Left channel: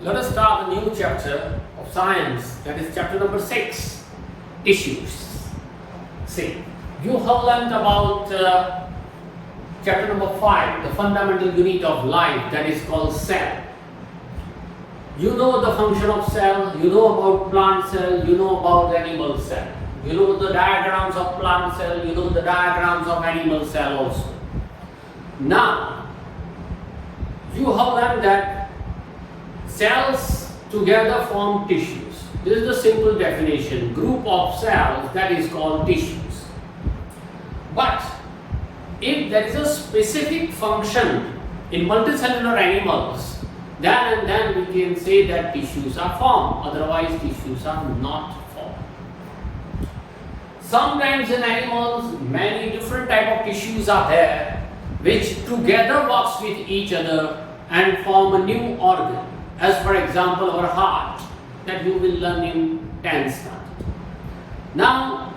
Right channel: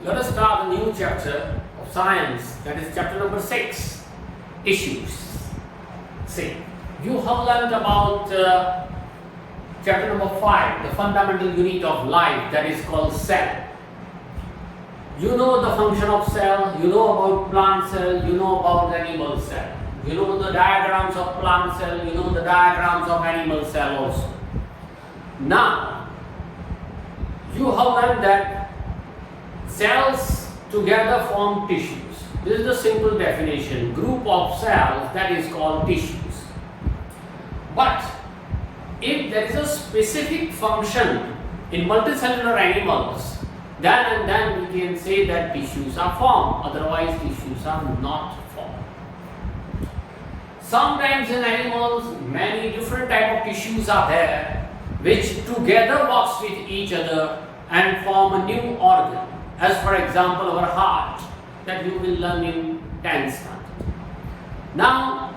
Let us start a new chapter of science, that is chapter number 6, tissues. See, you have learnt about chapter number 5, the fundamental unit of life, that is called cell. You know the function of cell, you know about plant cell, you know about animal cell. You know the diagrams of plant cell, you know the diagrams of animal cell also. Now, you have learned that cells together form tissues. This is the simple definition. Group of cells, that is called tissues. But if there is a specific function in multicellular animals, then we can say that tissues are formed. Otherwise, tissues are not formed. Sometimes in animals, many different type of tissues are there, which together works with each other and form a new organ. As for example, our heart, that you will learn in 10th standard. Now,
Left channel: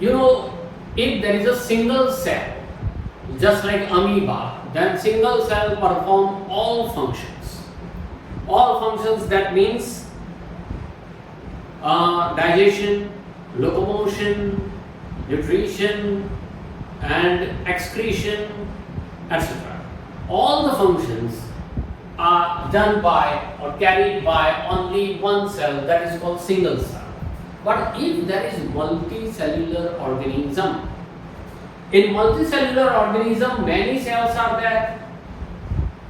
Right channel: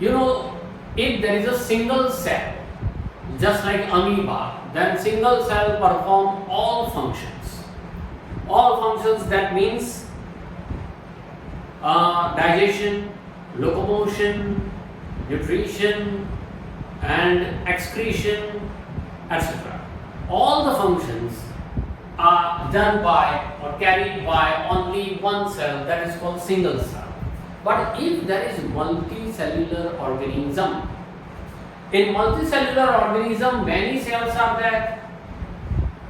you know, if there is a single cell, just like amoeba, then single cell perform all functions. All functions, that means digestion, locomotion, nutrition, and excretion, etc. All the functions are done by or carried by only one cell, that is called single cell. But if there is multicellular organism, in multicellular organism many cells are there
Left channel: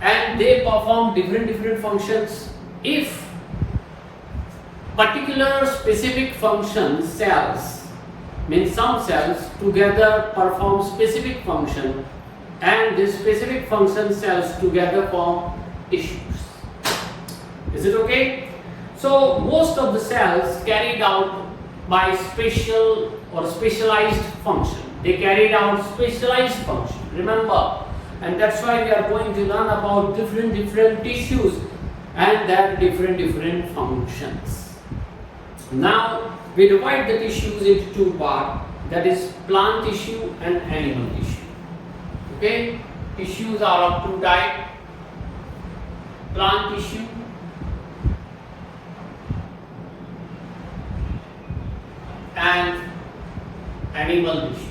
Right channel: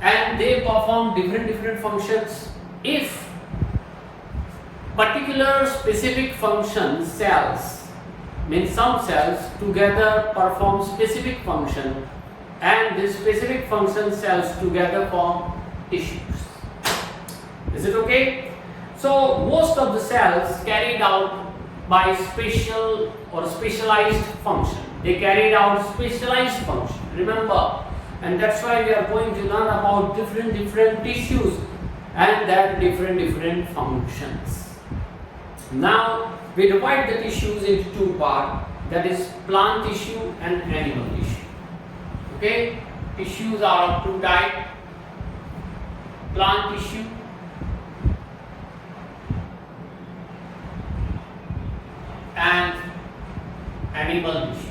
and they perform different functions. If particular specific function cells, means some cells together perform specific function, and this specific function cells together form tissues. Is it okay? So most of the cells carried out by special or specialized function. They carried out specialized function. Remember, and that's why we are going to learn about different tissues and their different functions. Now we divide the tissues into two parts, that is plant tissue and animal tissue. Okay, tissues are of two types: plant tissue and animal tissue.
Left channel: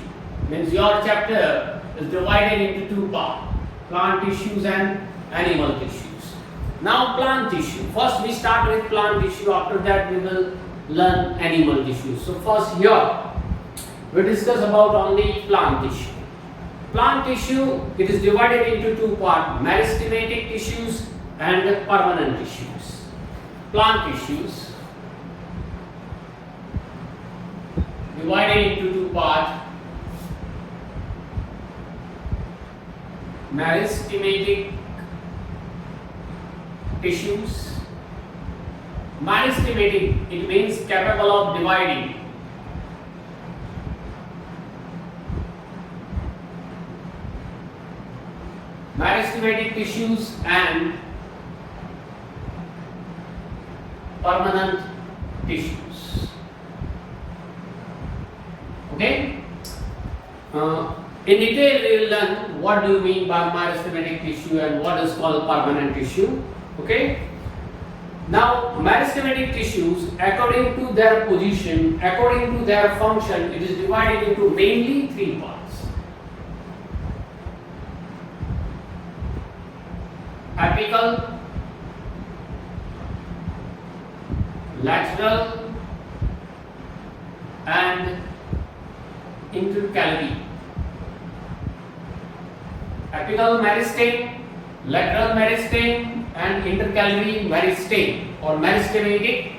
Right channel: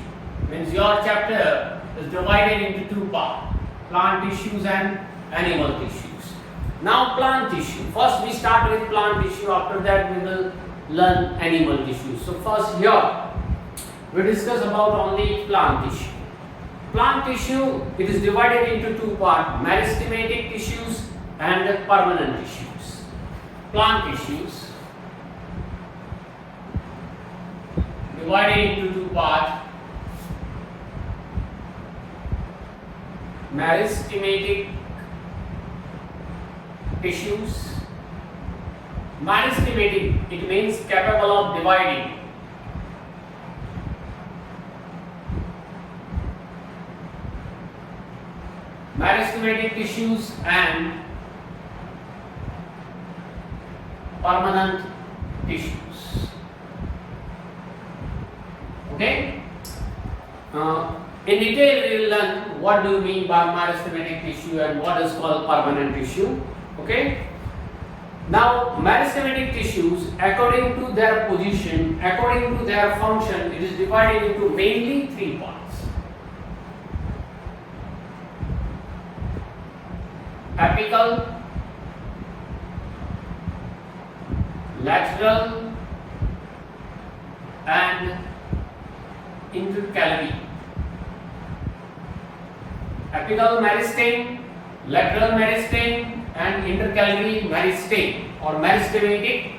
Means your chapter is divided into two parts: plant tissues and animal tissues. Now plant tissue. First we start with plant tissue, after that we will learn animal tissue. So first here we discuss about only plant tissue. Plant tissue, it is divided into two parts: meristematic tissues and permanent tissues. Plant tissues divided into two parts: meristematic tissues. Meristematic, it means capable of dividing. Meristematic tissues and permanent tissues. Okay? In detail we will learn what do you mean by meristematic tissue and what is called permanent tissue. Okay? Now meristematic tissues, according to their position, according to their function, it is divided into mainly three parts: apical, lateral, and intercalary. Apical meristeme, lateral meristeme, and intercalary meristeme or meristematic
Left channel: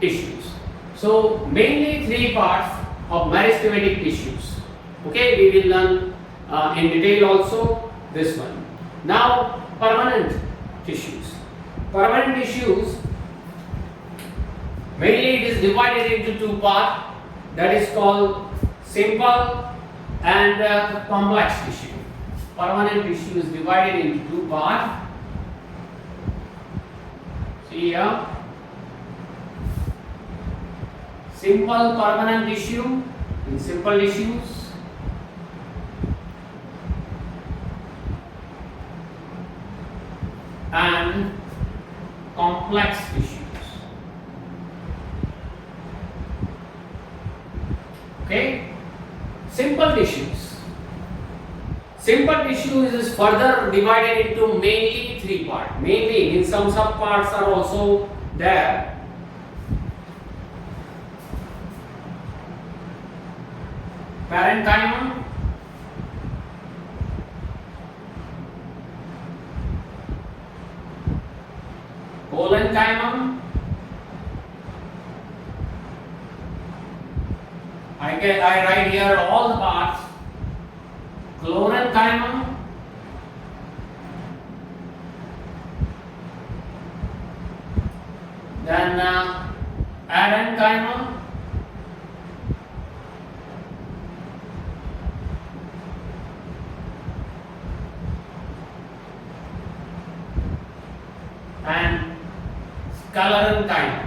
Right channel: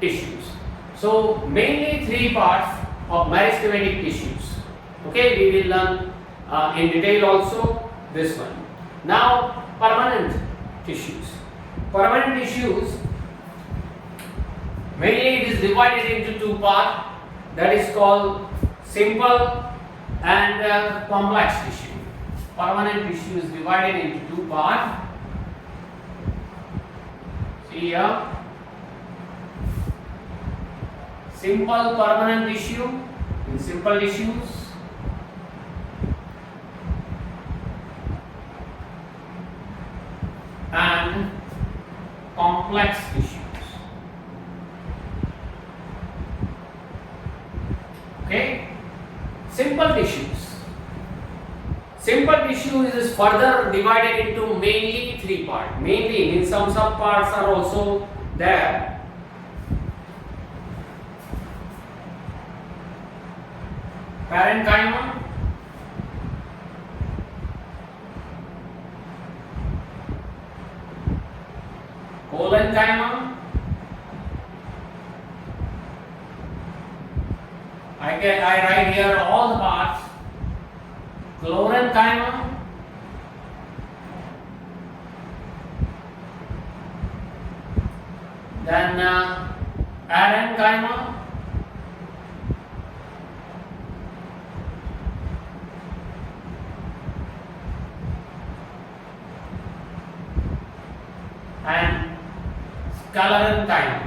tissues. So mainly three parts of meristematic tissues. Okay, we will learn in detail also this one. Now permanent tissues. Permanent tissues, mainly it is divided into two parts, that is called simple and complex tissue. Permanent tissue is divided into two parts. See here, simple permanent tissue in simple tissues, and complex tissues. Okay, simple tissues. Simple tissue is further divided into mainly three parts. Mainly means some subparts are also there. Parenchyma, Collenchyma, I write here all the parts. Chlorenchyma, then Aerenchyma, and Sclerenchyma.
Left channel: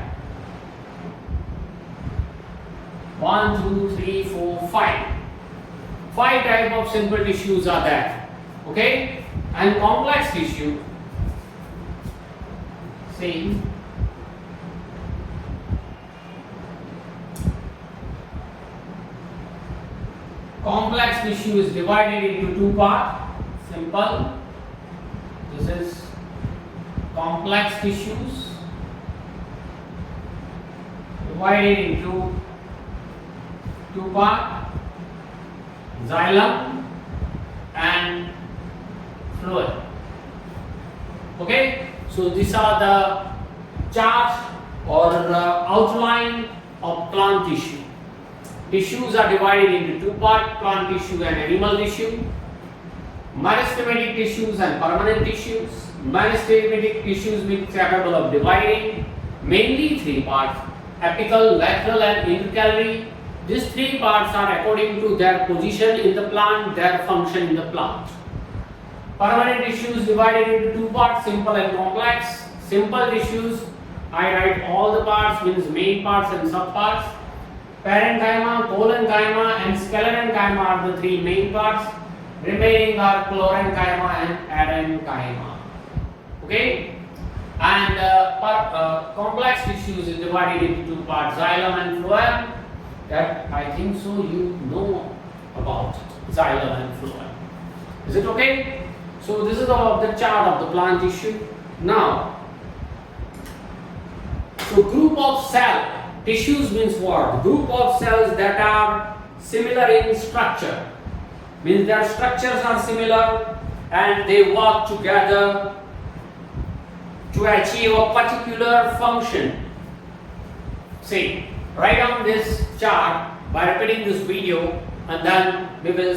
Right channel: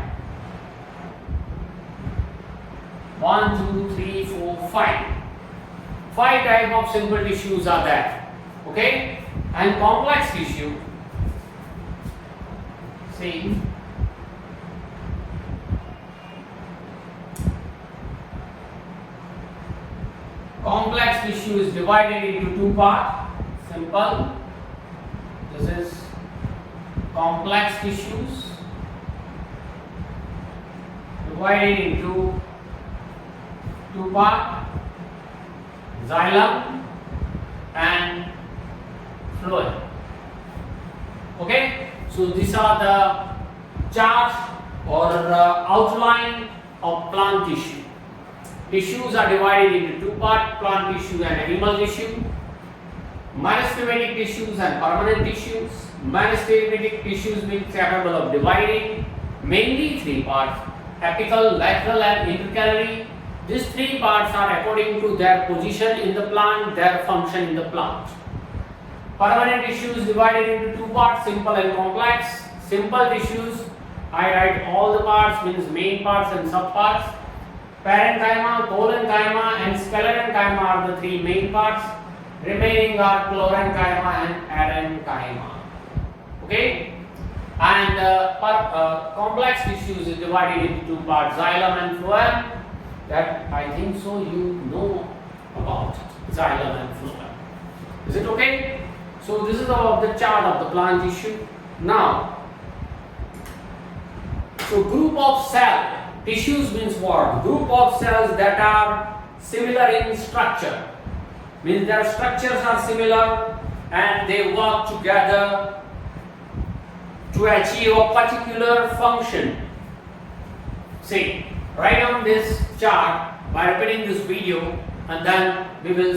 1, 2, 3, 4, 5. 5 types of simple tissues are there. Okay? And complex tissue. See. Complex tissue is divided into two parts. Simple. This is complex tissues divided into two parts. Xylem and phloem. Okay, so these are the chart or outline of plant tissue. Tissues are divided into two parts: plant tissue and animal tissue. Meristematic tissues and permanent tissues. Meristematic tissues being capable of dividing mainly three parts: apical, lateral, and intercalary. These three parts are according to their position in the plant, their function in the plant. Permanent tissues divided into two parts: simple and complex. Simple tissues, I write all the parts, means main parts and subparts. Parenchyma, Collenchyma, and Sclerenchyma are the three main parts. Remaining are Chlorenchyma and Aerenchyma. Okay, and complex tissues is divided into two parts: xylem and phloem. That I think so you know about xylem and phloem. Is it okay? So this is the chart of the plant tissue. Now, so group of cell tissues means what? Group of cells that are similar in structure, means their structures are similar and they work together to achieve a particular function. See, write on this chart by repeating this video, and then we will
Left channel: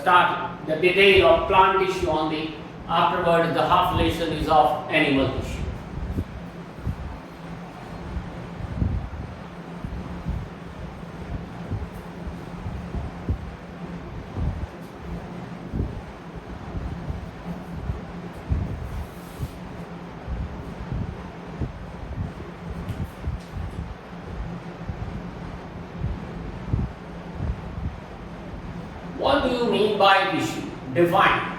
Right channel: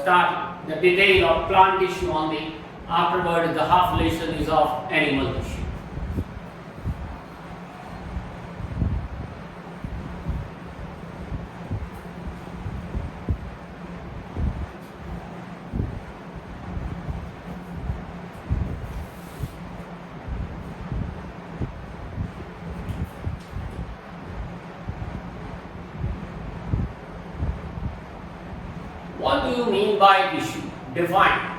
start the detail of plant tissue only. Afterward, the half relation is of animal tissue. What do you mean by tissue? Define.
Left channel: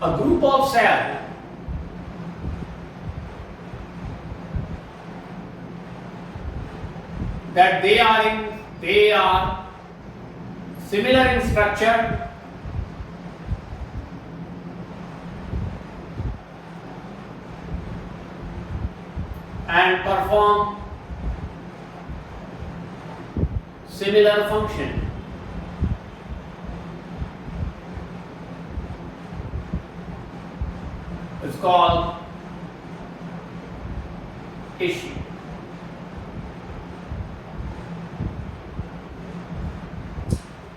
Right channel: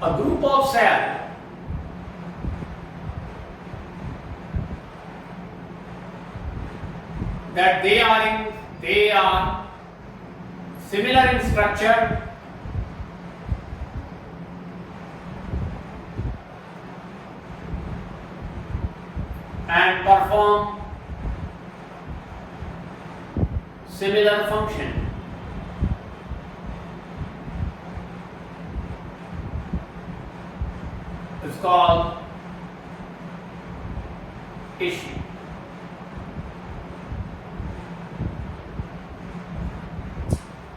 A group of cells that they are similar in structure and perform similar function. It's called tissue.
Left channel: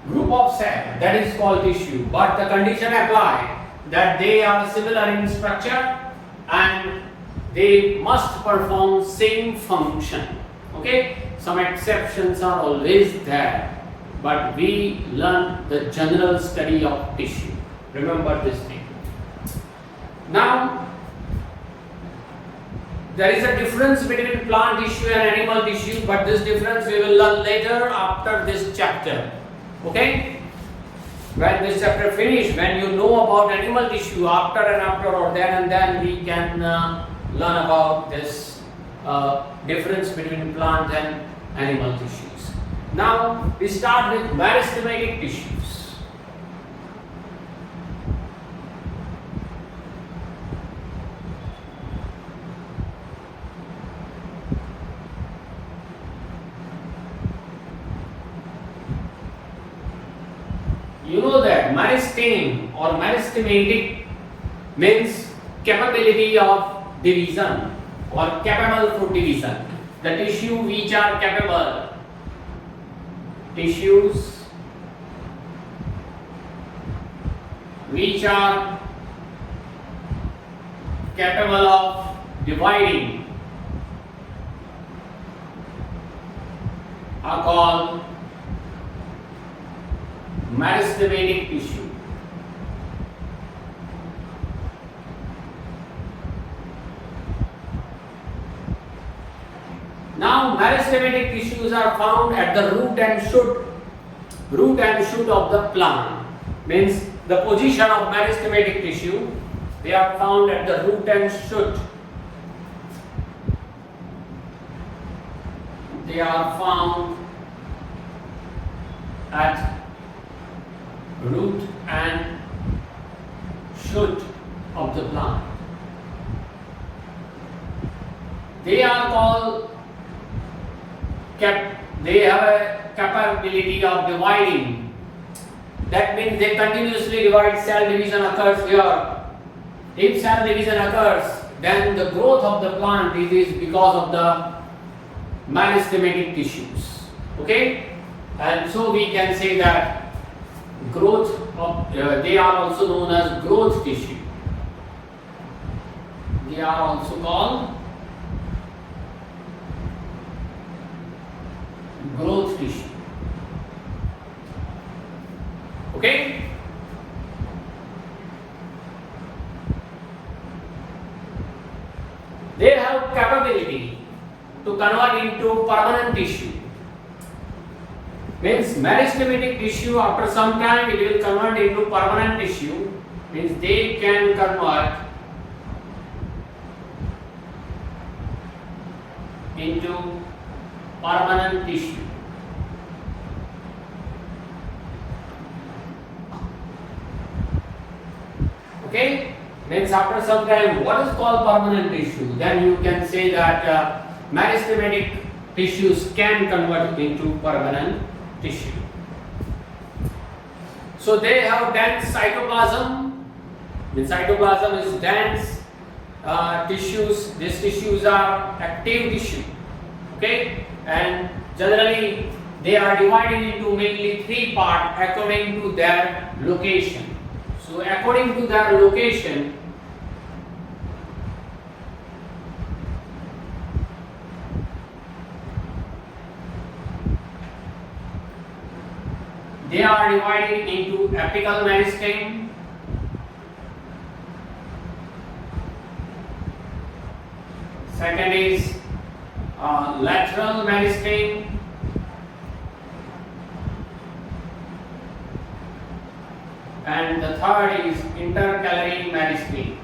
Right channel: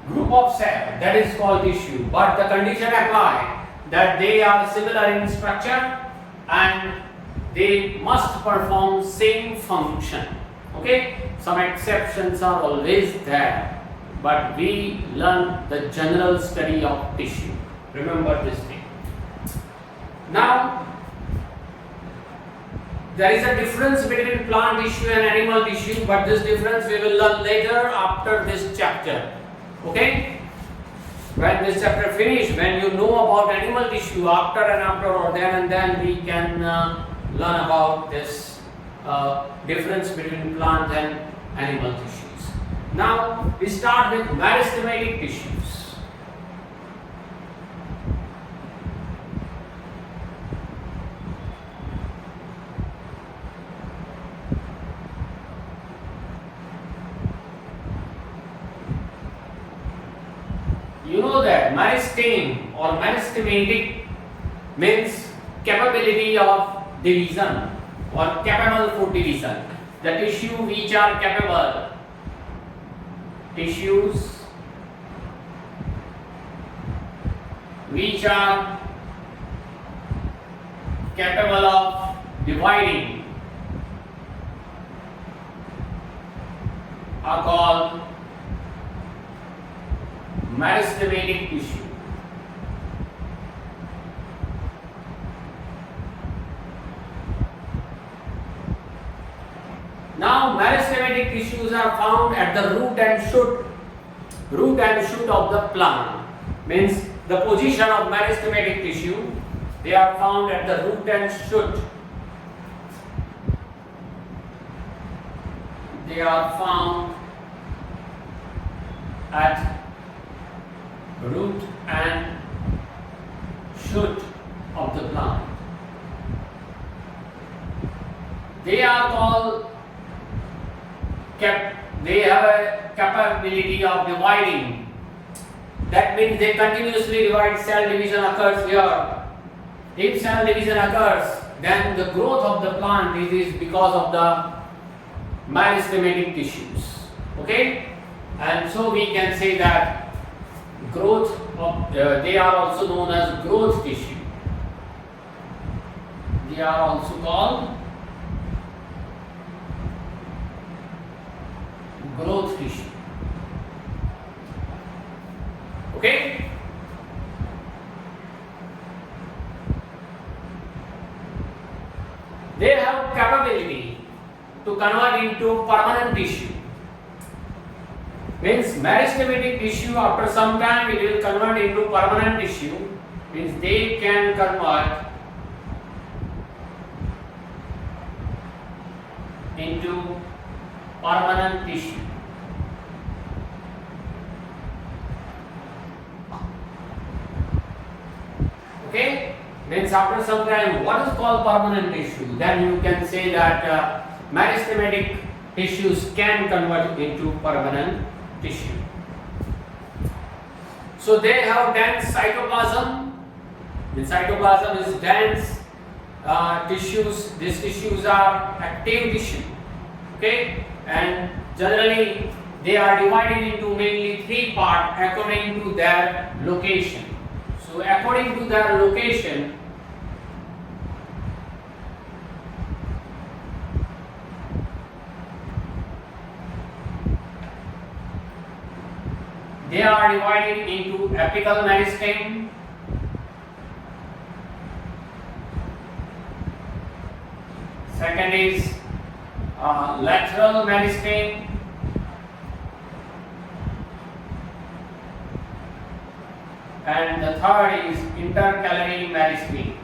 Group of cells, that is called tissue, but the condition applied that they are similar in structure and they must perform same function. Okay, some exceptions are always there, but we learn the general study of tissue. Remember this thing. Now, there is a difference between plant tissue and animal tissue, but this difference we will learn later after this chapter. Okay? when this chapter finish, when you know about animal tissue, after or then and then we can learn about this difference between plant and animal tissues. Now we start with meristematic tissues. You know that meristeme or meristematic means capability of division or capable for division. The tissue which are capable, tissues which are capable of dividing are called meristematic tissue. Now meristematic tissues are found at the root and shoot of the plant. Means the position of meristematic tissue, they are found at the root and shoot. They are found at root and shoot of the plant. They are called they have a capability of dividing. That means they continuously divide. Cell division occurs here. If cell division occurs, then the growth of the plant is because of the meristematic tissues. Okay, and so we can say that growth of they are also known as growth tissue. They are also called growth tissue. Okay, they have capability to convert into permanent tissue. Means meristematic tissue, after some time it will convert into permanent tissue. Means they can convert into permanent tissue. Okay, means after some time, what is called permanent tissue? Then you can say that meristematic tissues can convert into permanent tissue. So they have dense cytoplasm. The cytoplasm is dense tissues. These tissues are active tissue. Okay, and generally they are divided into mainly three parts according to their location. So according to their location, they are divided into apical meristeme, second is lateral meristeme, and the third is intercalary meristeme.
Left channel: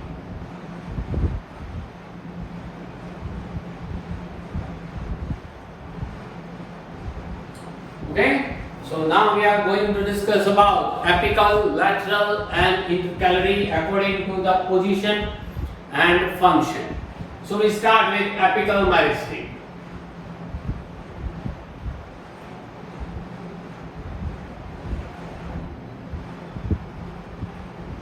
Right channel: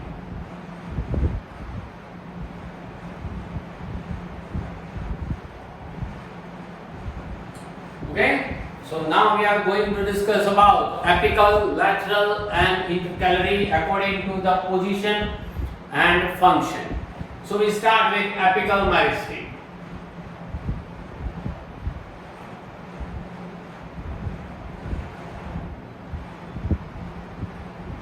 Okay, so now we are going to discuss about apical, lateral and intercalary according to the position and function. So we start with apical meristeme.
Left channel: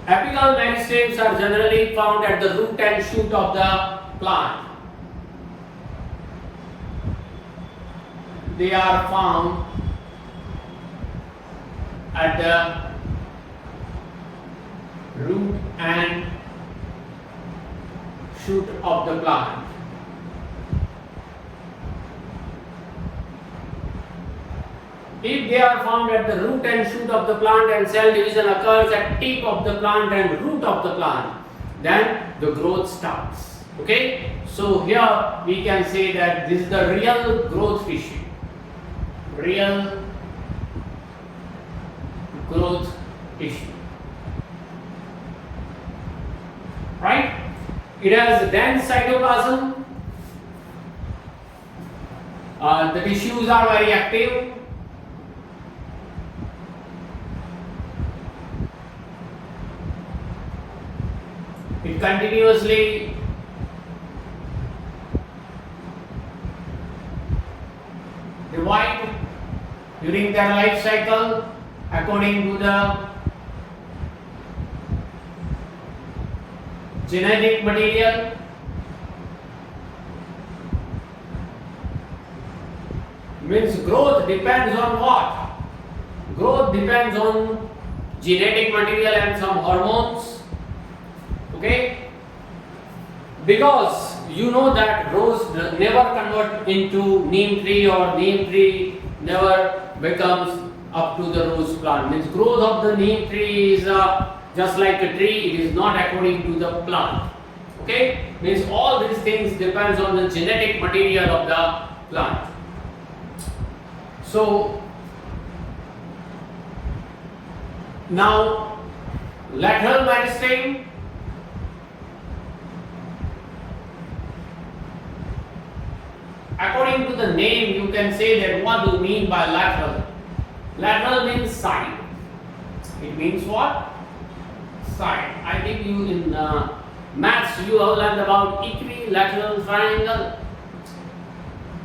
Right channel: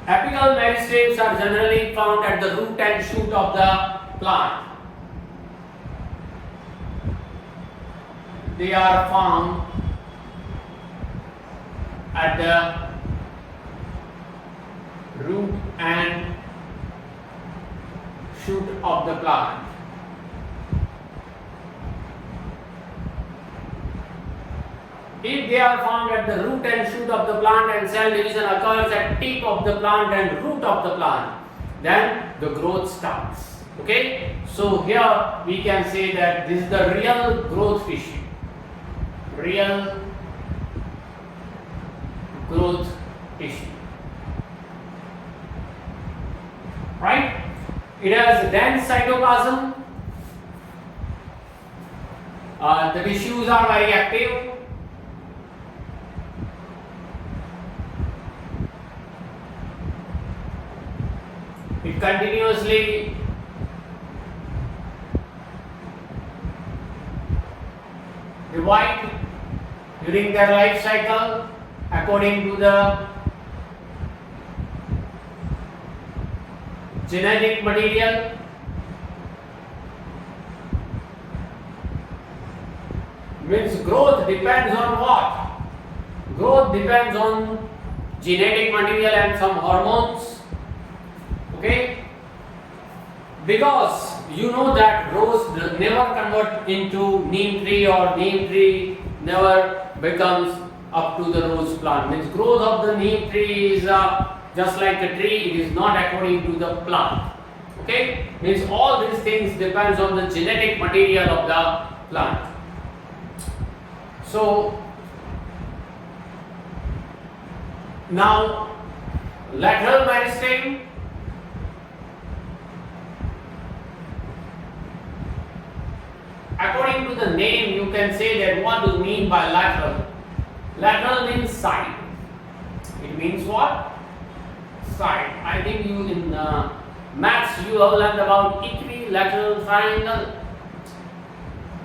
Apical meristemes are generally found at the root and shoot of the plant. They are found at the root and shoot of the plant. If they are found at the root and shoot of the plant and cell division occurs at tip of the plant and root of the plant, then the growth starts. Okay, so here we can say that this is the real growth tissue. Real growth tissue. Right? It has dense cytoplasm. The tissues are very active. It continuously divide during their life cycle according to the genetic material. Means growth depends on what? Growth depends on genetic material and some hormones. Okay? Because you know that rose never convert into neem tree, or neem tree never becomes up to the rose plant. Means growth of the neem tree is just like a tree, it is not according to the plant. Okay? Means all these things depends on the genetic material of the plant. So now lateral meristeme. According to the name, you can say that what do you mean by lateral? Lateral means side. It means what? Side. I think you in maths you have learned about equilateral triangle.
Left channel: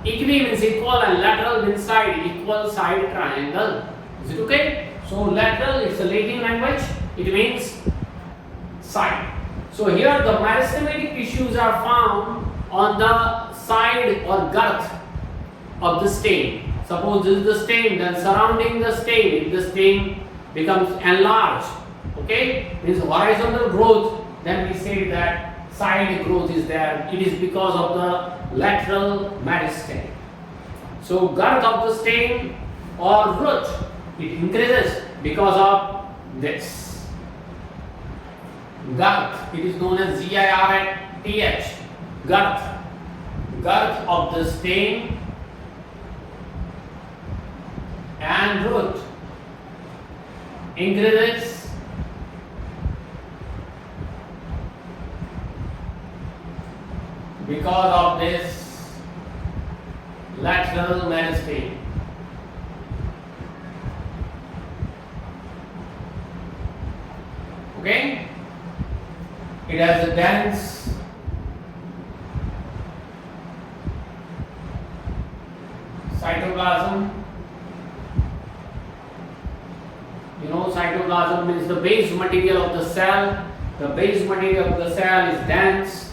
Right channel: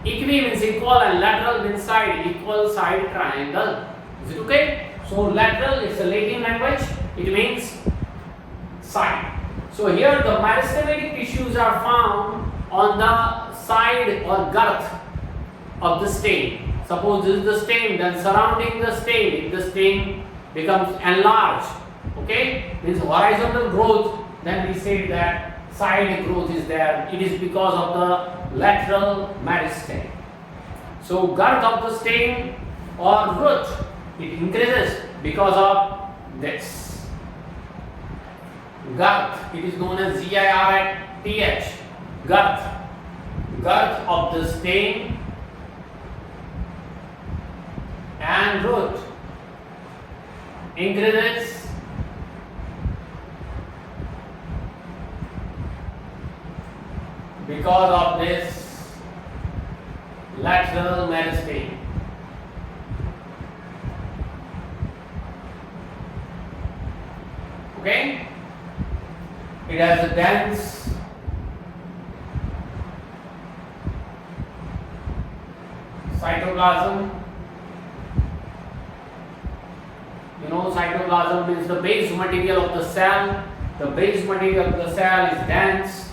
Equi means equal and lateral means side. Equal side triangle. Is it okay? So lateral is a Latin language. It means side. So here the meristematic tissues are found on the side or girth of the stem. Suppose this is the stem, then surrounding the stem, if the stem becomes enlarged, okay, this horizontal growth, then we say that side growth is there. It is because of the lateral meristeme. So girth of the stem or root, it increases because of this. Girth, it is known as girth. Girth. Girth of the stem and root increases because of this lateral meristeme. Okay? It has a dense cytoplasm. You know, cytoplasm means the base material of the cell. The base material of the cell is dense.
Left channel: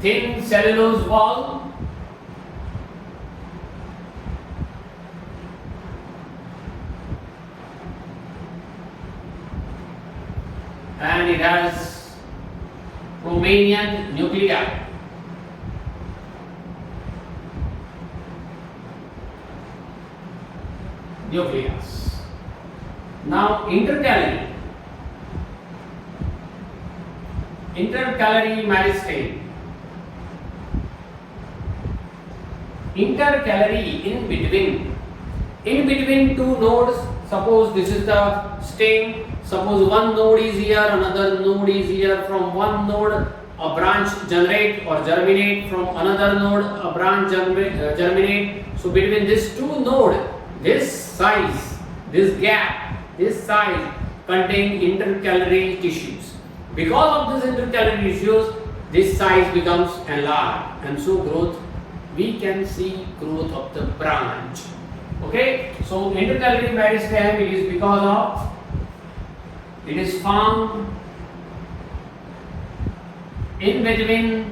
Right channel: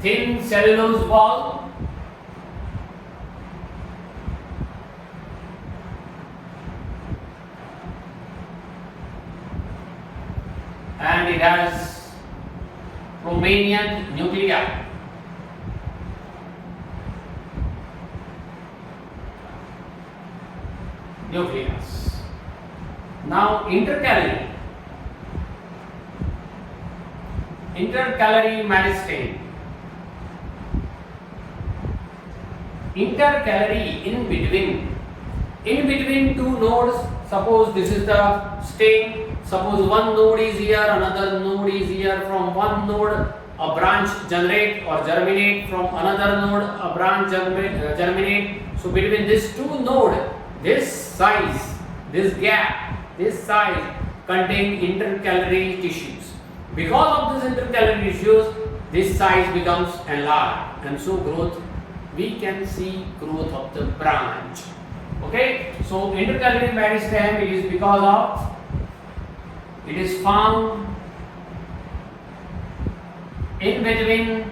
Thin cellulose wall. And it has Romanian nuclei. Nucleus. Now intercalary meristeme. Intercalary in between two nodes. Suppose this is the stem. Suppose one node is here, another node is here. From one node a branch generate or germinate, from another node a branch germinate. So between these two nodes, this size, this gap, this size contain intercalary tissues. Because of this intercalary tissues, this size becomes enlarged, and so growth, we can see growth of the branch. Okay, so intercalary meristeme, it is because of it is found in between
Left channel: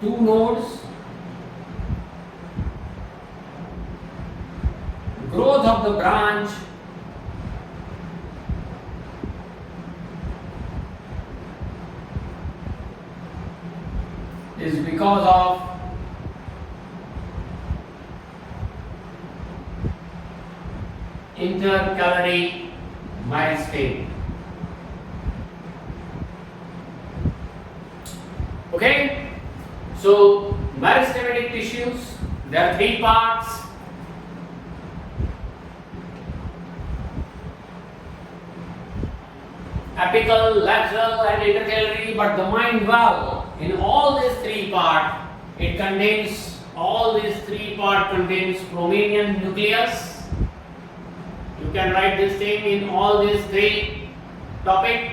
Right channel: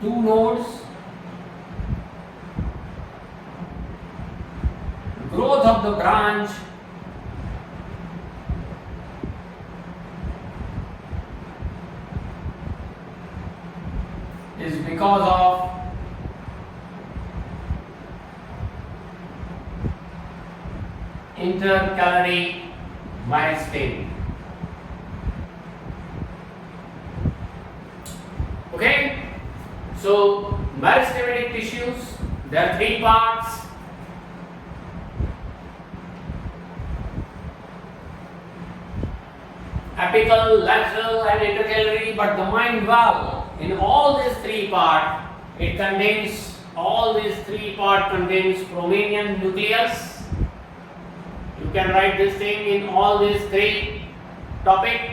two nodes. Growth of the branch is because of intercalary meristeme. Okay, so meristematic tissues, there are three parts. Apical, lateral and intercalary, but the mind valve, in all these three parts, it contains, all these three parts contains Bromelian nucleus. You can write this thing in all these three topics.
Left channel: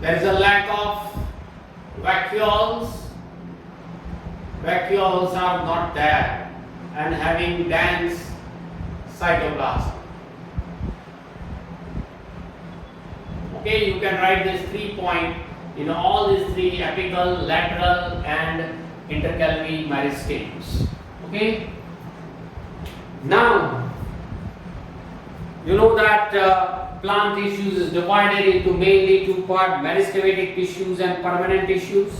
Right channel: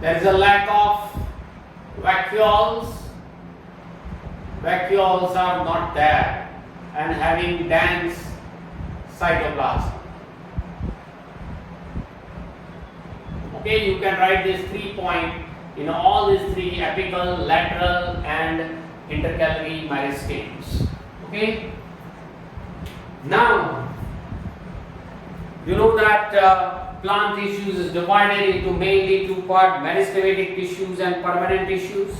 There is a lack of vacuoles. Vacuoles are not there and having dense cytoplasm. Okay, you can write these 3 points in all these three apical, lateral and intercalary meristems. Okay. Now, you know that plant tissues is divided into mainly two parts: meristematic tissues and permanent tissues.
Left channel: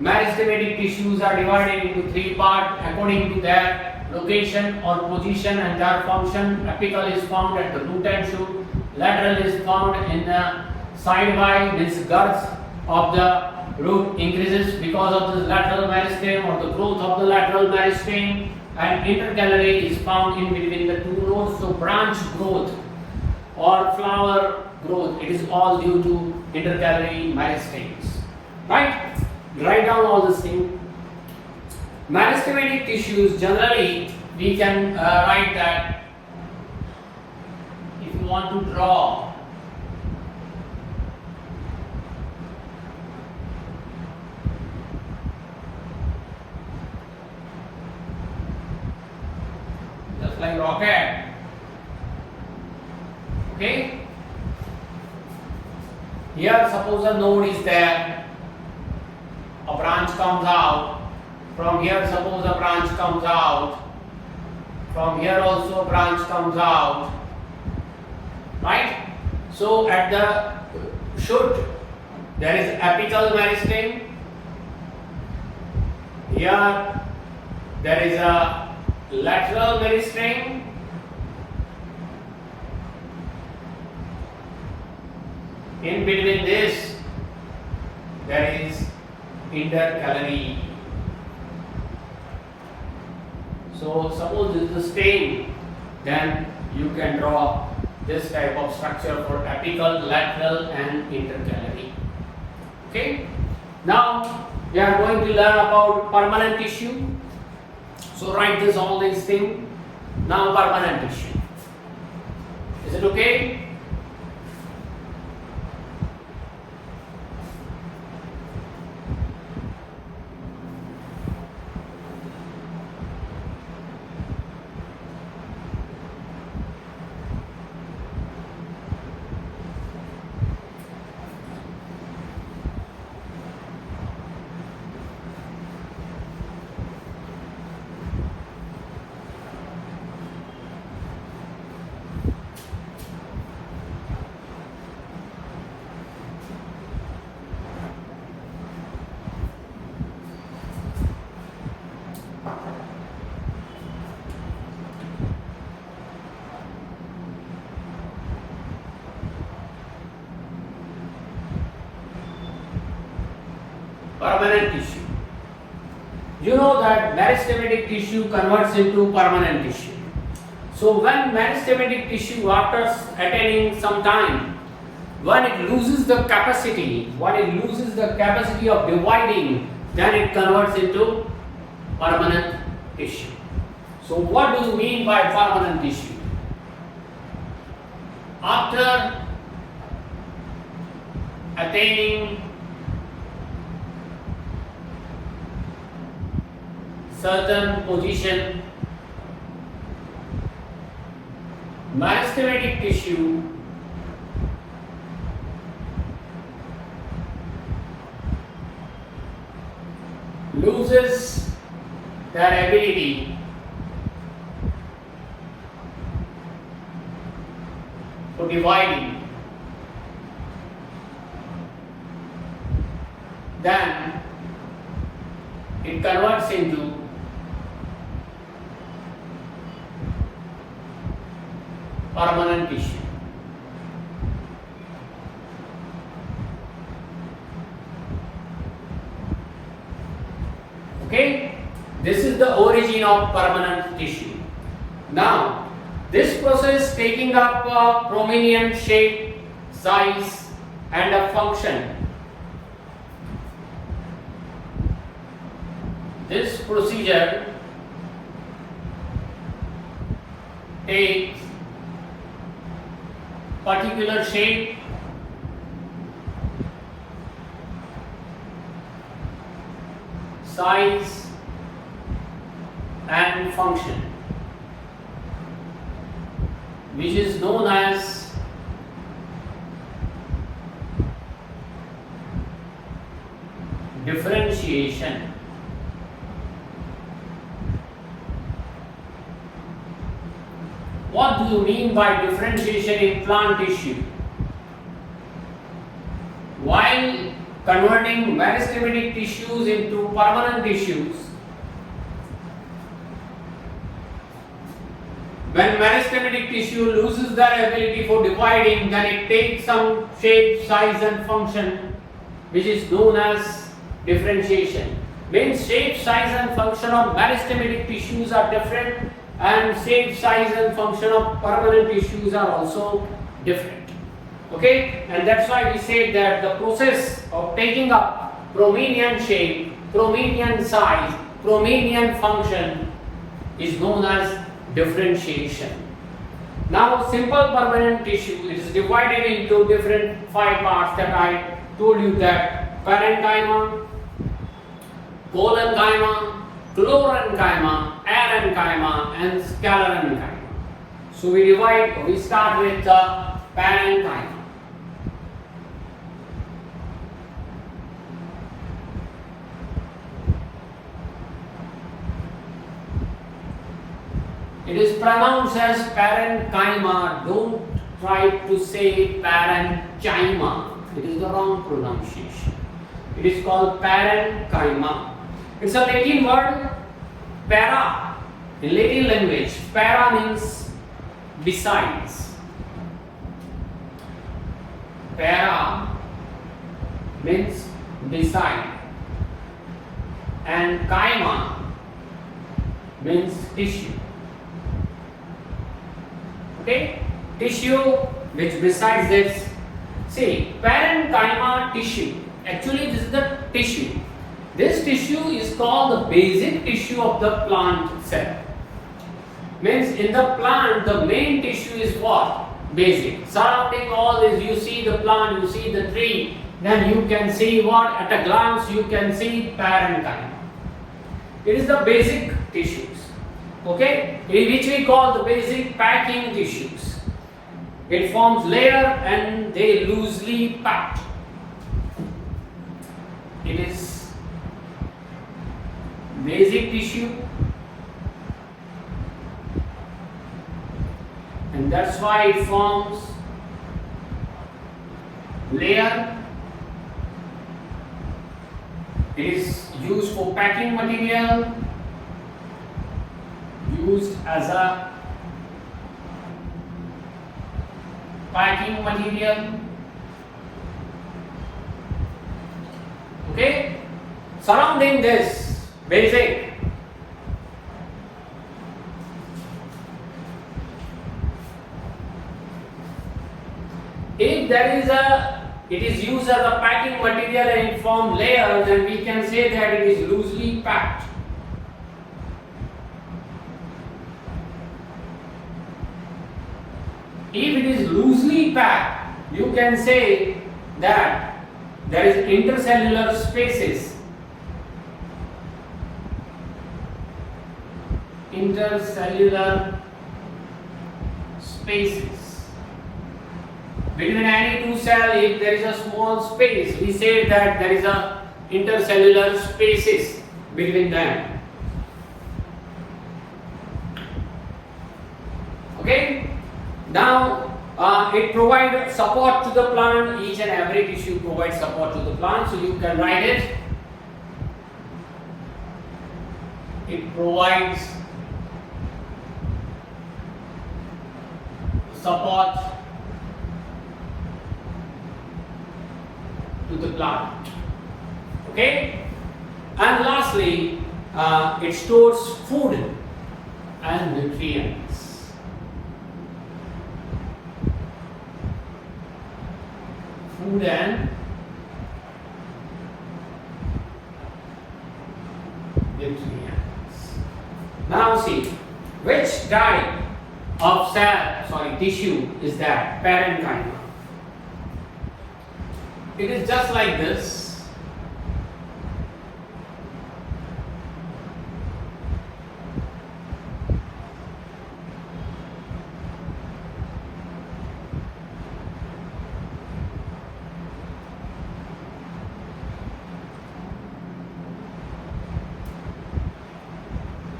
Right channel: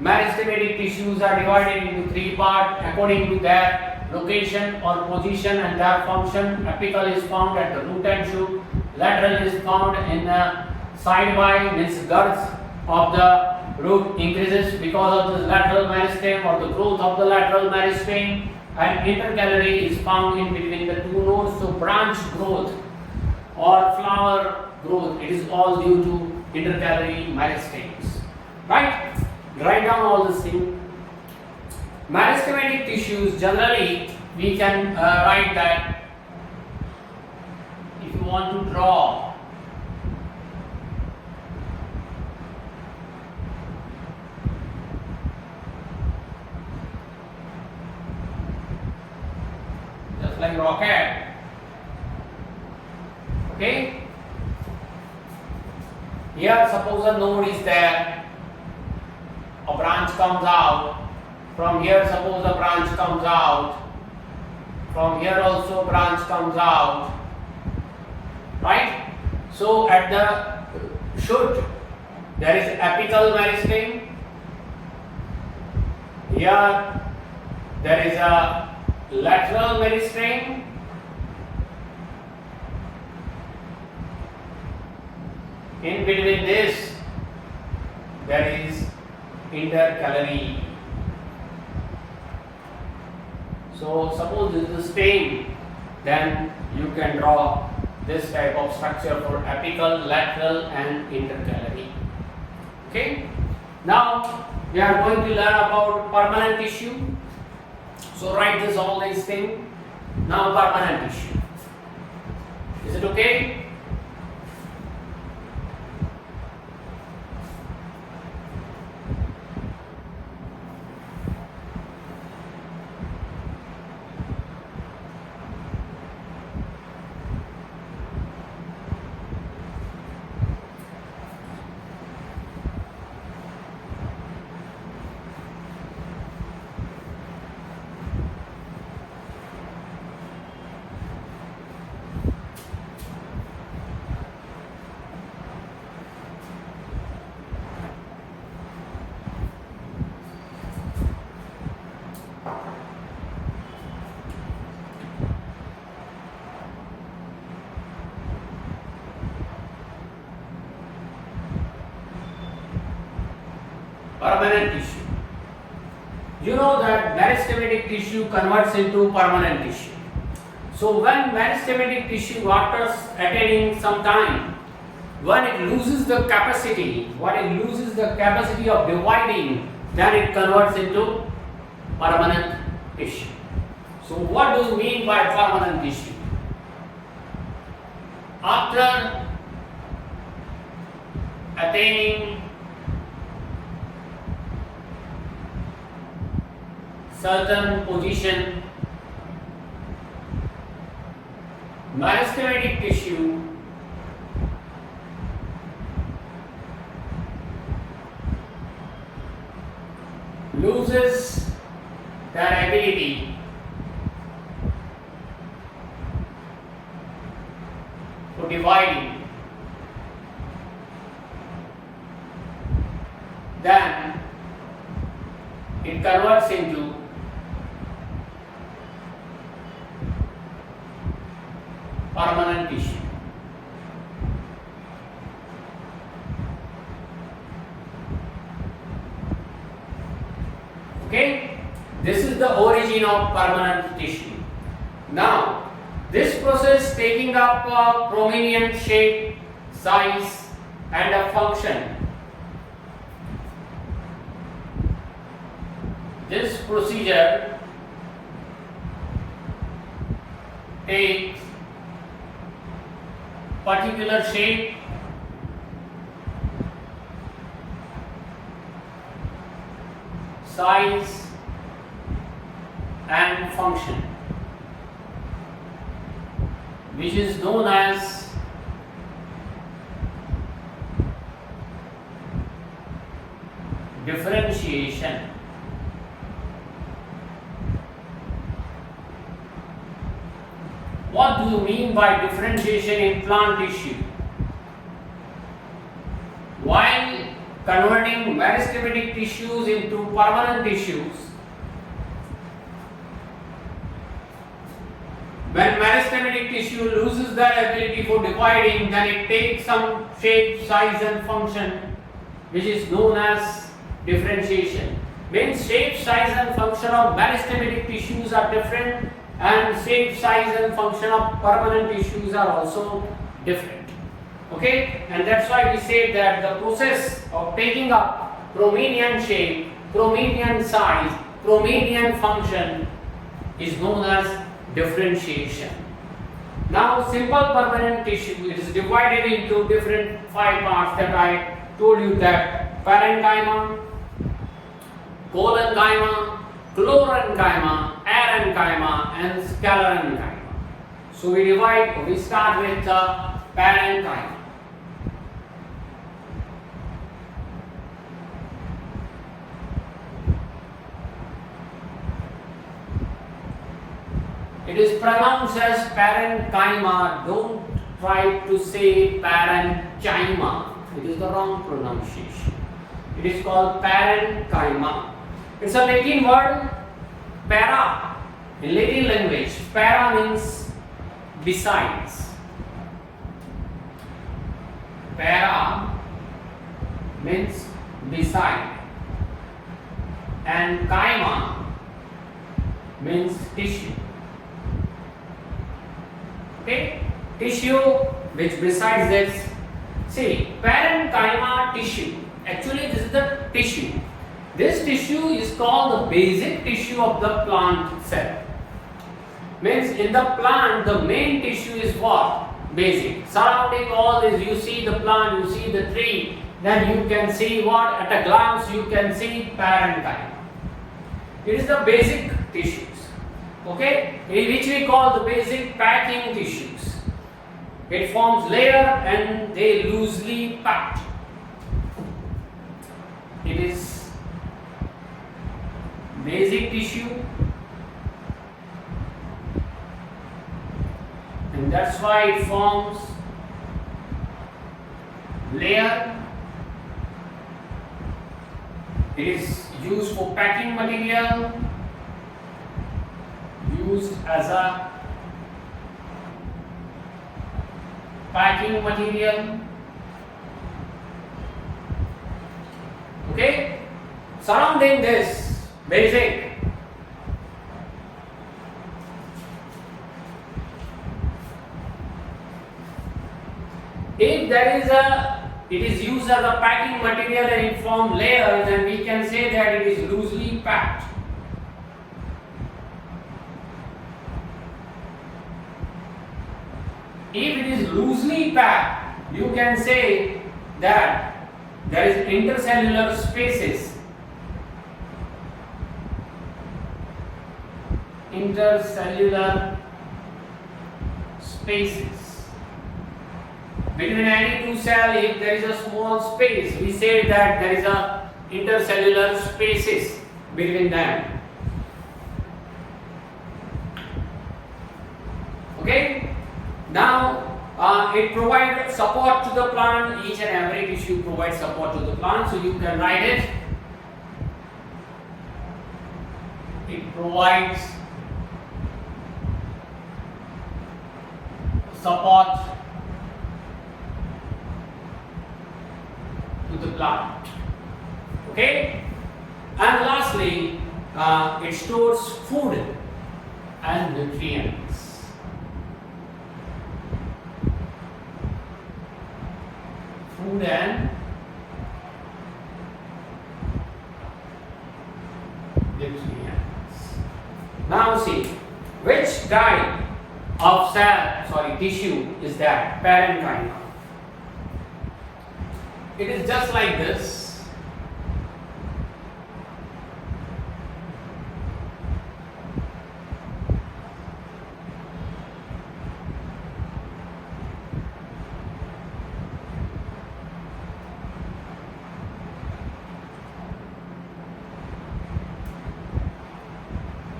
Meristematic tissues are divided into three parts according to their location or position and their function. Apical is found at the root and shoot. Lateral is found in the sidewise, means girth of the root increases because of the lateral meristem or the growth of the lateral meristem. And intercalary is found in between the two nodes. So branch growth or flower growth, it is all due to intercalary meristems. Right? Write down all these things. Meristematic tissues, generally we can write that if you want to draw just like rocket. Okay? Here suppose a node is there, a branch comes out. From here suppose a branch comes out. From here also a branch comes out. Right? So at the shoot there is apical meristem. Here there is a lateral meristem. In between this, there is intercalary. So suppose this is a stain, then you can draw this type of structure for apical, lateral and intercalary. Okay. Now we are going to learn about permanent tissue. So write this all these things. Now permanent tissue. Is it okay? Permanent tissue. You know that meristematic tissue converts into permanent tissue. So when meristematic tissue, after attaining some time, when it loses the capacity, of dividing, then it converts into permanent tissue. So what do you mean by permanent tissue? After attaining certain position, meristematic tissue loses their ability to divide, then it converts into permanent tissue. Okay, this is the origin of permanent tissue. Now, this process is taking up a prominent shape, size, and a function. This procedure takes particular shape, size, and function, which is known as differentiation. What do you mean by differentiation in plant tissue? While converting meristematic tissues into permanent tissues, when meristematic tissue loses the ability for dividing, then it takes some shape, size, and function, which is known as differentiation. Means shape, size, and function of meristematic tissues are different, and shape, size, and function of permanent tissues are also different. Okay, and that's why we say that the process of taking up prominent shape, prominent size, prominent function is known as differentiation. Now, simple permanent tissue, it is divided into different 5 parts that I told you, that Parenchyma, Collenchyma, Chlorenchyma, Aerenchyma, and Sclerenchyma. So we start with the Parenchyma. It is pronounced as Parenchyma. Don't try to say Parenchyma. It is the wrong pronunciation. It is called Parenchyma. It's a Latin word, para. In Latin language, para means besides. Para means beside. And chyma means tissue. Okay, tissue which besides this. See, parenchyma tissue. Actually, this is the tissue. This tissue is called the basic tissue of the plant cell. Means in the plant, the main tissue is what? Basic. Surrounding all this, you see the plant, you see the tree, then you can see what? At a glance, you can see parenchyma. It is the basic tissues. Okay, which we call the basic packing tissues. It forms layer and they loosely packed. It is basic tissue, and that's why it forms layer. It is used for packing material, used as a packing material. Okay, surrounding this basic, if there is it is used as a packing material and it forms layers, then we can say that it is loosely packed. If it is loosely packed, you can say that there is intercellular spaces. Intercellular spaces. Between any two cells, if there is a small space, we say that there is a intercellular spaces between them. Okay? Now, it provides support to the plant. Each and every tissue provides support to the plant. So you can write it. It provides support to the plant. Okay? And lastly, it stores food and nutrients. Food and nutrients. Now see, which type of tissue is that? Parenchyma. It is just like this.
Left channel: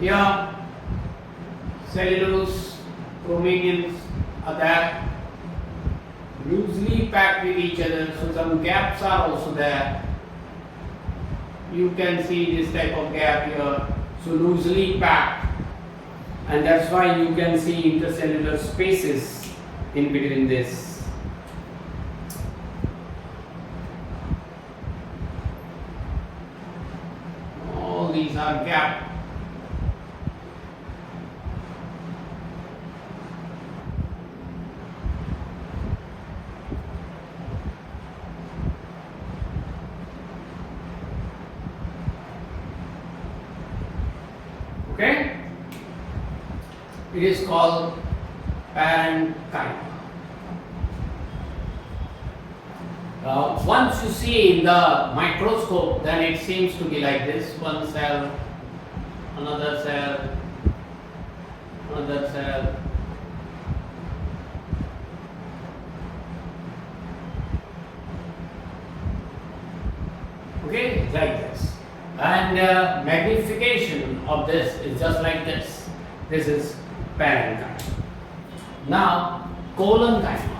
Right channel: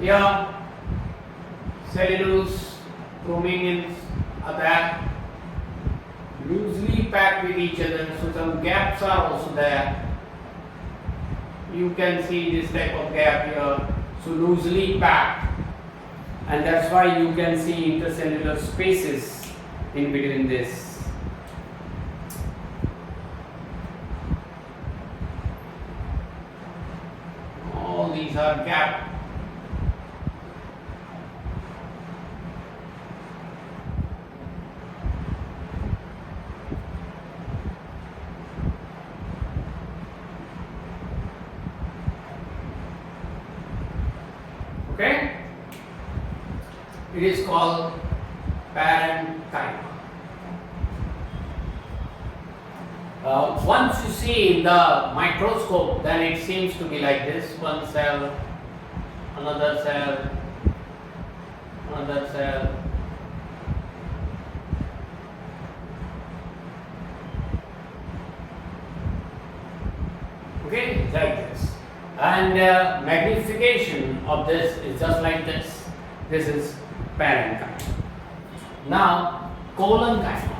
Here, cellulose, chromatinins are there, loosely packed with each other, so some gaps are also there. You can see this type of gap here, so loosely packed, and that's why you can see intercellular spaces in between this. All these are gaps. Okay, it is called parenchyma. Once you see in the microscope, then it seems to be like this: one cell, another cell, another cell. Okay, like this. And magnification of this is just like this. This is parenchyma. Now, collenchyma.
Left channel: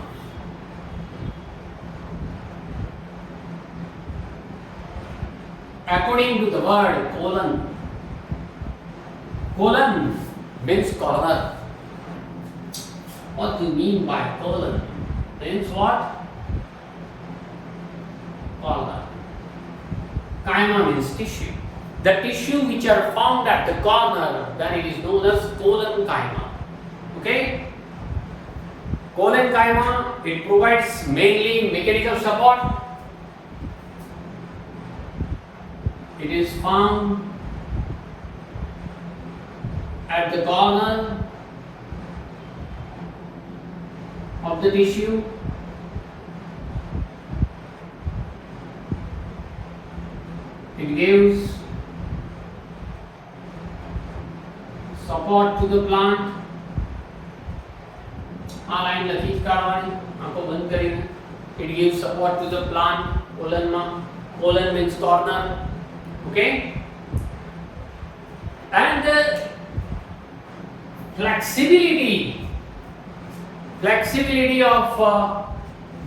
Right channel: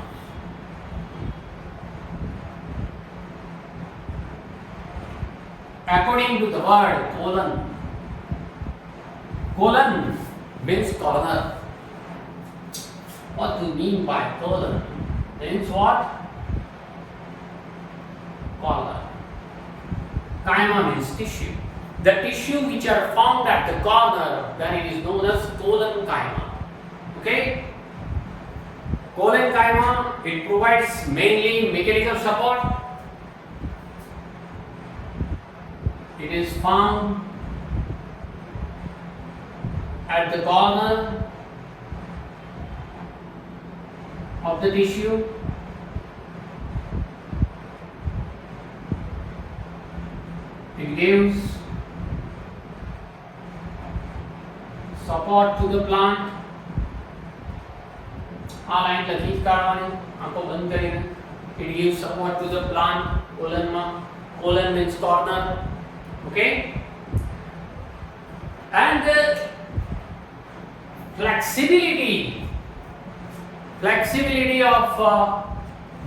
According to the word colon means corner. What do you mean by colon? Means what? Corner. Chyma means tissue. The tissue which are found at the corner, then it is known as collenchyma. Okay? Collenchyma, it provides mainly mechanical support. It is found at the corner of the tissue. It gives support to the plant. line लखी काढवानी आपको बंद करेंगे. It gives support to the plant. Colon means corner. Okay. And flexibility of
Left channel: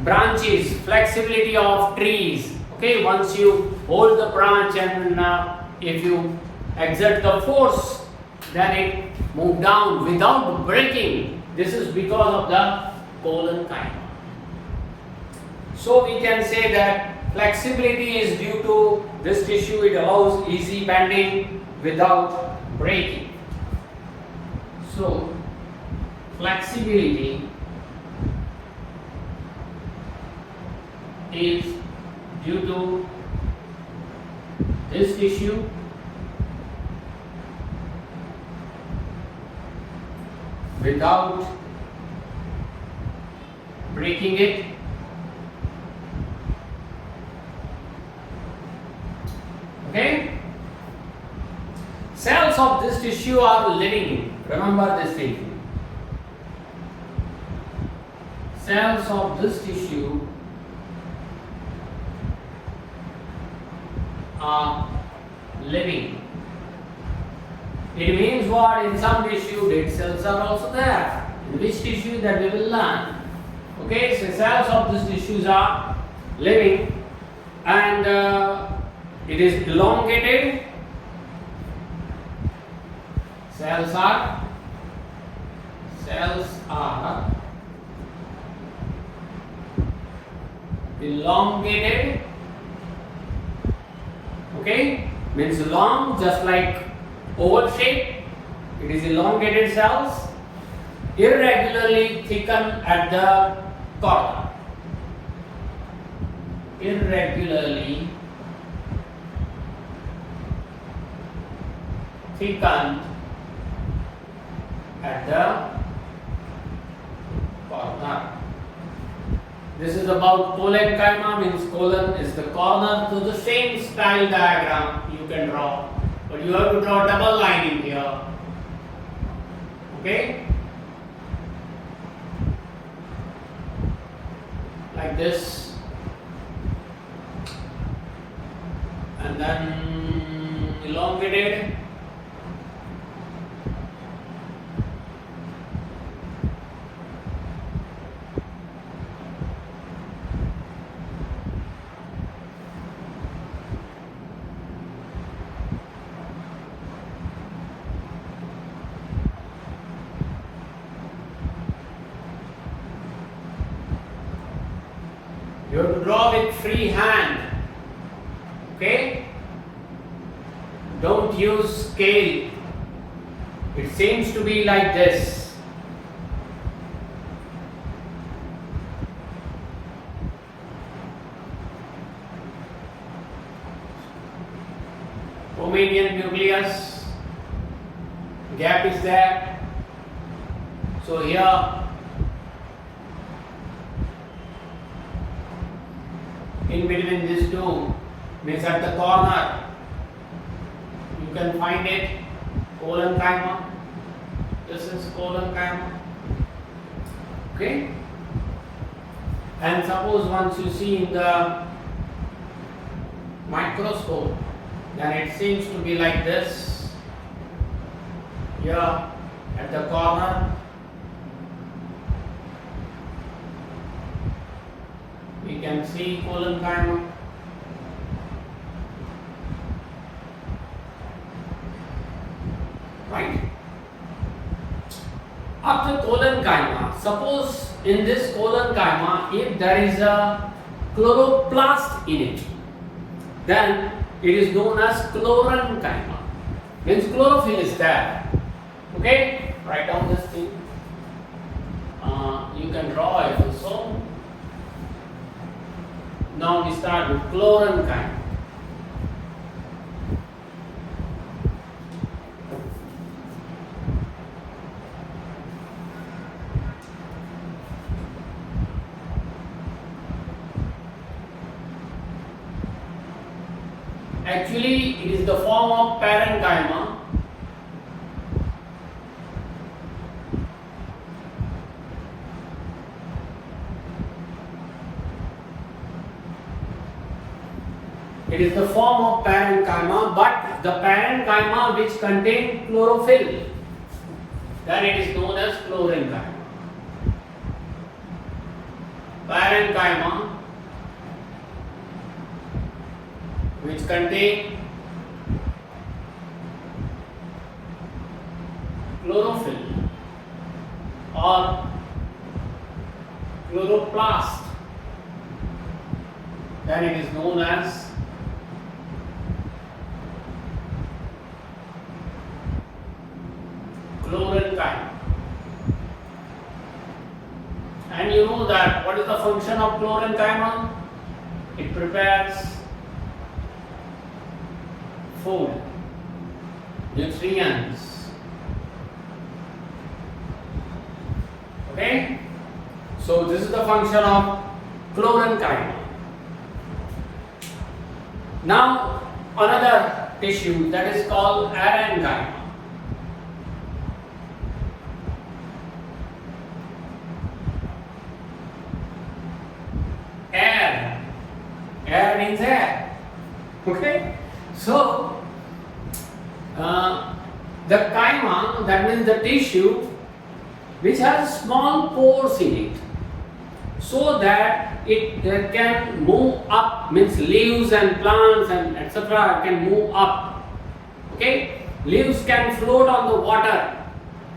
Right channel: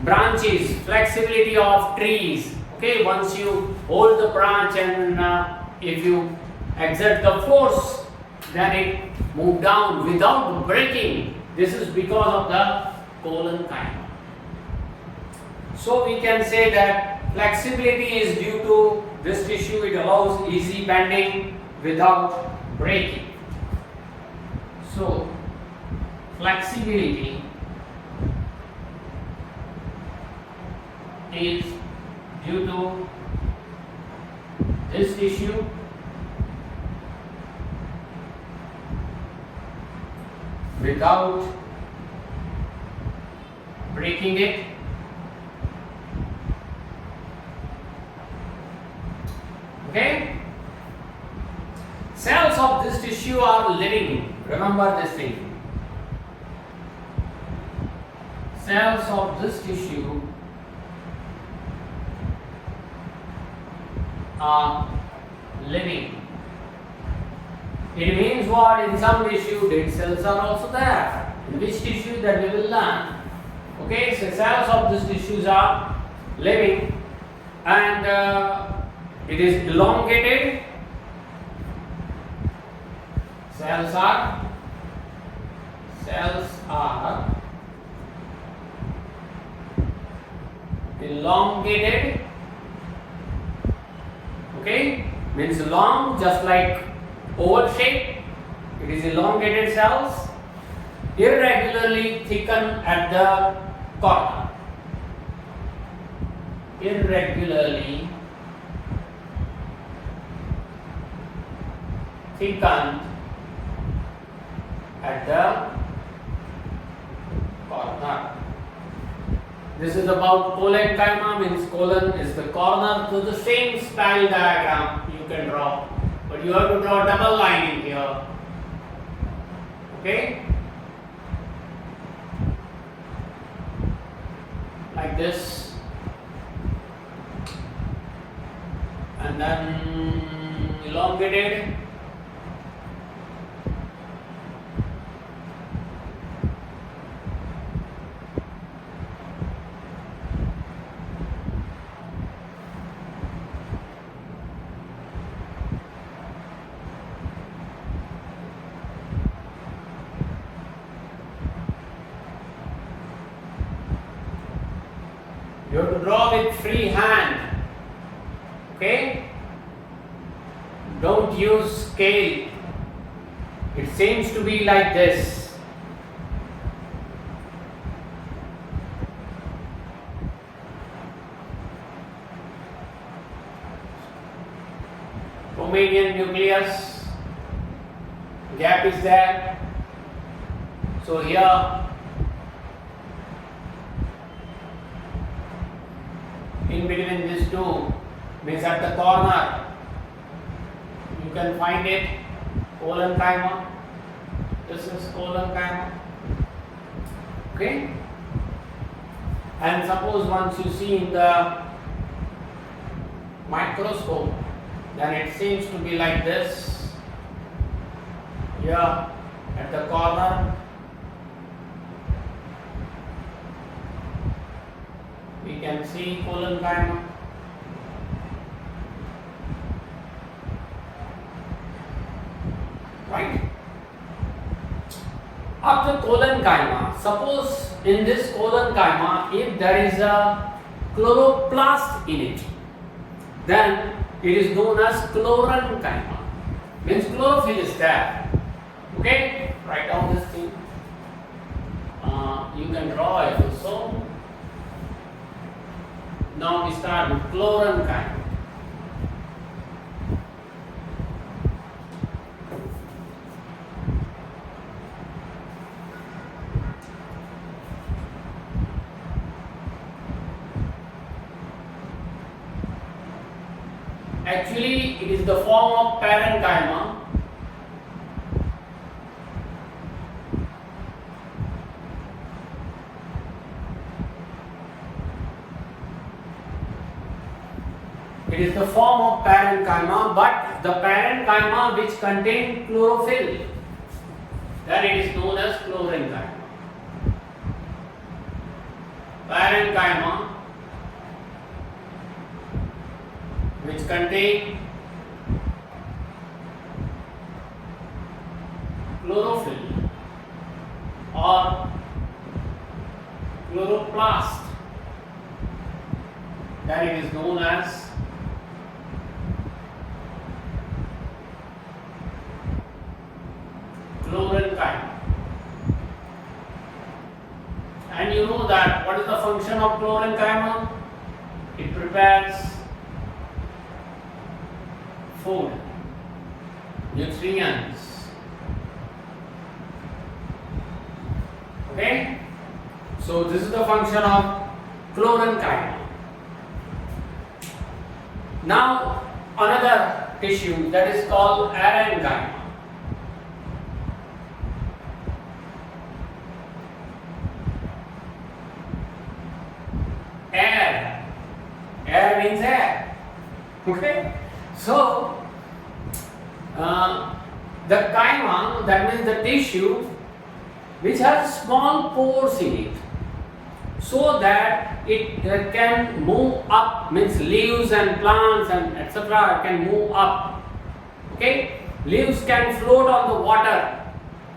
branches, flexibility of trees. Okay, once you hold the branch and if you exert the force, then it move down without breaking. This is because of the collenchyma. So we can say that flexibility is due to this tissue. It allows easy bending without breaking. So flexibility is due to this tissue without breaking it. Okay? Cells of this tissue are living. Remember this thing. Cells of this tissue are living. It means what? In some tissue, dead cells are also there. In which tissue, that we will learn. Okay, so cells of these tissues are living, and it is elongated. Cells are elongated. Okay, means long, just like oval shape. It is elongated cells, irregularly thickened at the corner. Irregularly thickened at the corner. This is about Collenchyma, means colon is the corner to the same span diagram you can draw, but you have to draw a double line in here. Okay, like this, and then elongated. You have to draw with free hand. Okay? Don't use scale. It seems to be like this. Romanian nucleus. Gap is there. So here in between these two means at the corner you can find it Collenchyma. This is Collenchyma. Okay, and suppose once you see in the microscope, then it seems to be like this. Here at the corner we can see Collenchyma. Right? After Collenchyma, suppose in this Collenchyma, if there is a chloroplast in it, then it is known as Chlorenchyma. Means chlorophyll is there. Okay? Write down this thing. You can draw it also. Now we start with Chlorenchyma. Actually, it is the form of Parenchyma. It is the form of Parenchyma, but the Parenchyma which contain chlorophyll, then it is known as Chlorenchyma. Parenchyma which contain chlorophyll or chloroplast, then it is known as Chlorenchyma. And you know that what is the function of Chlorenchyma? It prepares food, nutrients. Okay? So this is the function of Chlorenchyma. Now another tissue that is called Aerenchyma. Air means air. Okay? So, the chyma, that means the tissue, which has small pores in it, so that it can move up, means leaves and plants and etc. can move up. Okay? Leaves can float on the water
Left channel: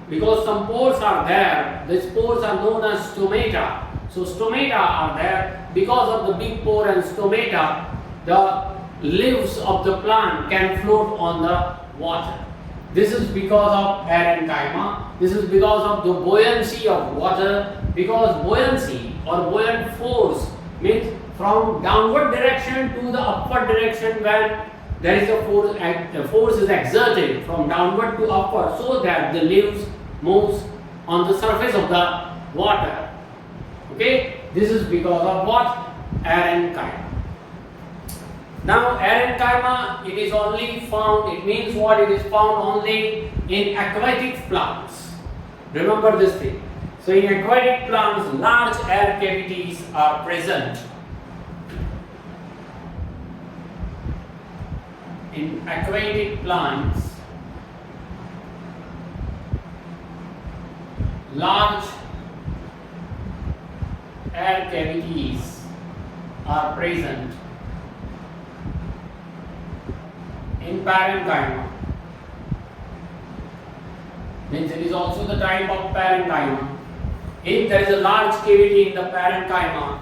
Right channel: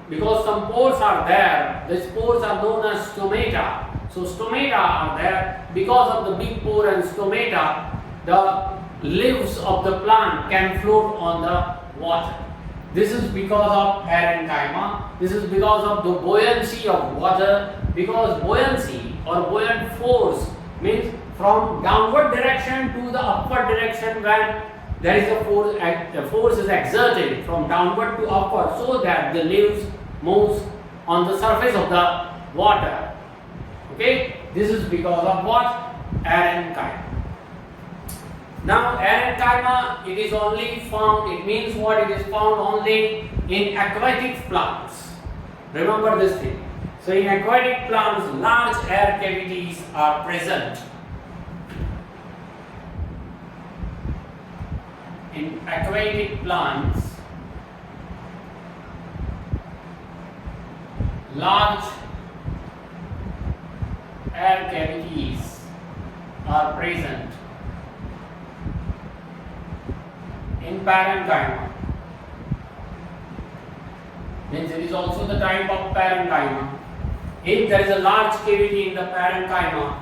because some pores are there. These pores are known as stomata. So stomata are there. Because of the big pore and stomata, the leaves of the plant can float on the water. This is because of Parenchyma. This is because of the buoyancy of water. Because buoyancy or buoyant force means from downward direction to the upward direction, when there is a force, the force is exerted from downward to upward, so that the leaves moves on the surface of the water. Okay, this is because of what? Aerenchyma. Now Aerenchyma, it is only found, it means what? It is found only in aquatic plants. Remember this thing. So in aquatic plants, large air cavities are present. In aquatic plants, large air cavities are present. In Parenchyma, means it is also the type of Parenchyma. If there is a large cavity in the Parenchyma,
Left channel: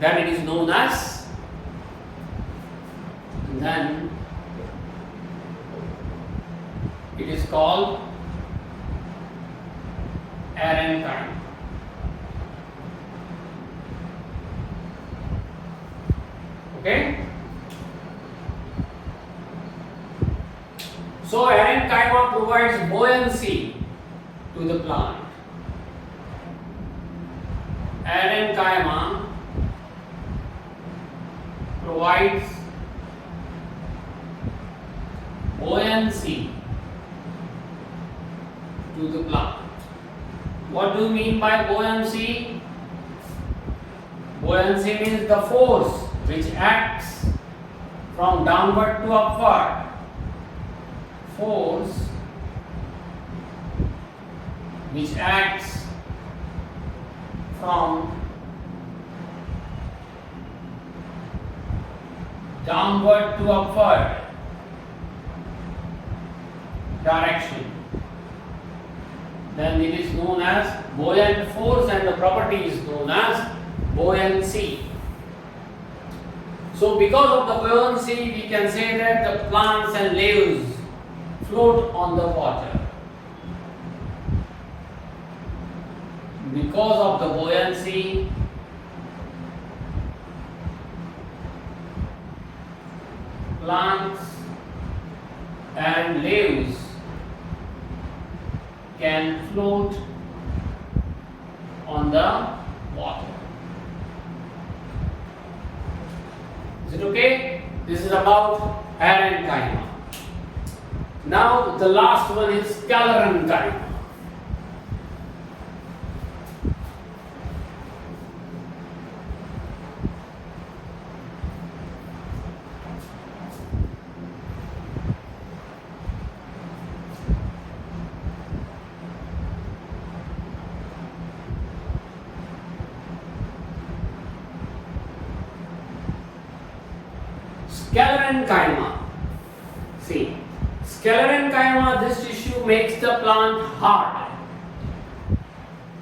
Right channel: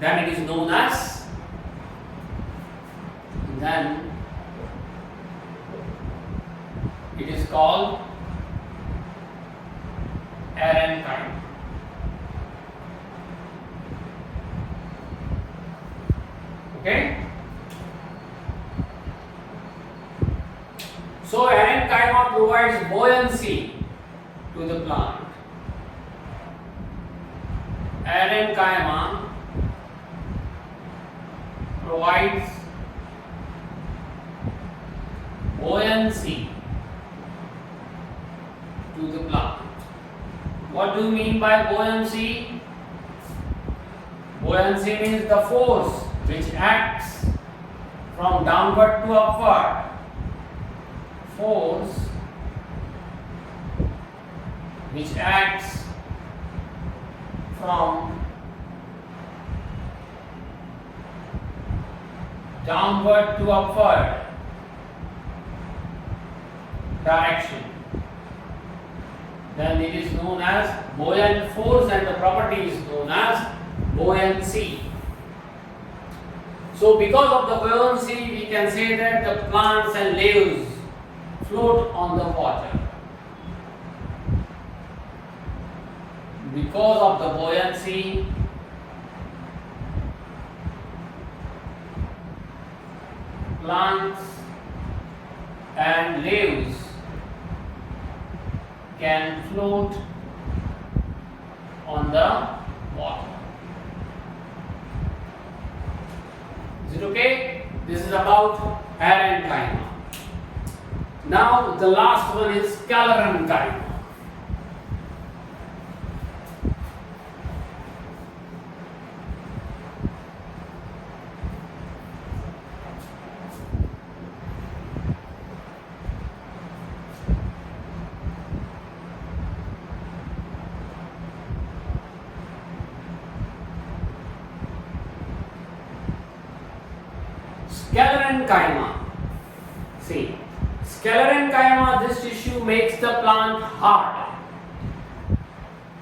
then it is known as, then it is called Aerenchyma. Okay? So Aerenchyma provides buoyancy to the plant. Aerenchyma provides buoyancy to the plant. What do you mean by buoyancy? Buoyancy means the force which acts from downward to upward. Force which acts from downward to upward direction, then it is known as buoyant force, and the property is known as buoyancy. So because of the buoyancy, we can say that the plants and leaves float on the water. Because of the buoyancy, plants and leaves can float on the water. Is it okay? This is about Parenchyma. Now the last one is Sclerenchyma. Sclerenchyma. See, Sclerenchyma, this tissue makes the plant hard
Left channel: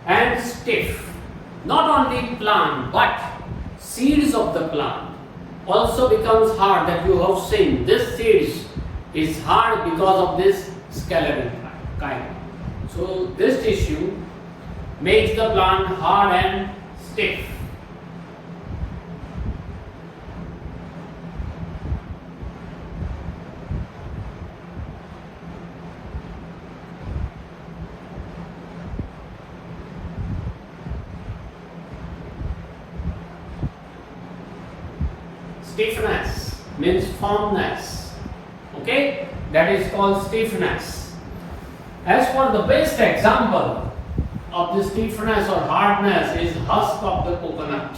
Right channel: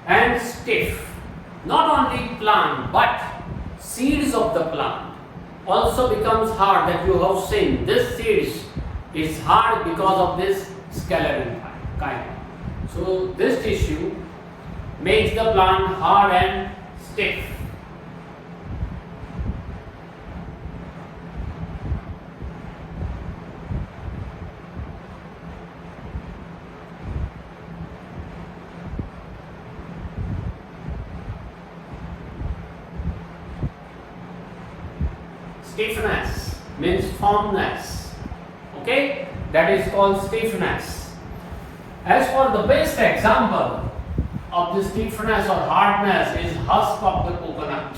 and stiff. Not only plant, but seeds of the plant also becomes hard. That you have seen, this seeds is hard because of this Sclerenchyma. So this tissue makes the plant hard and stiff. Stiffness means firmness. Okay, that is called stiffness. As for the best example of the stiffness or hardness is husk of the coconut.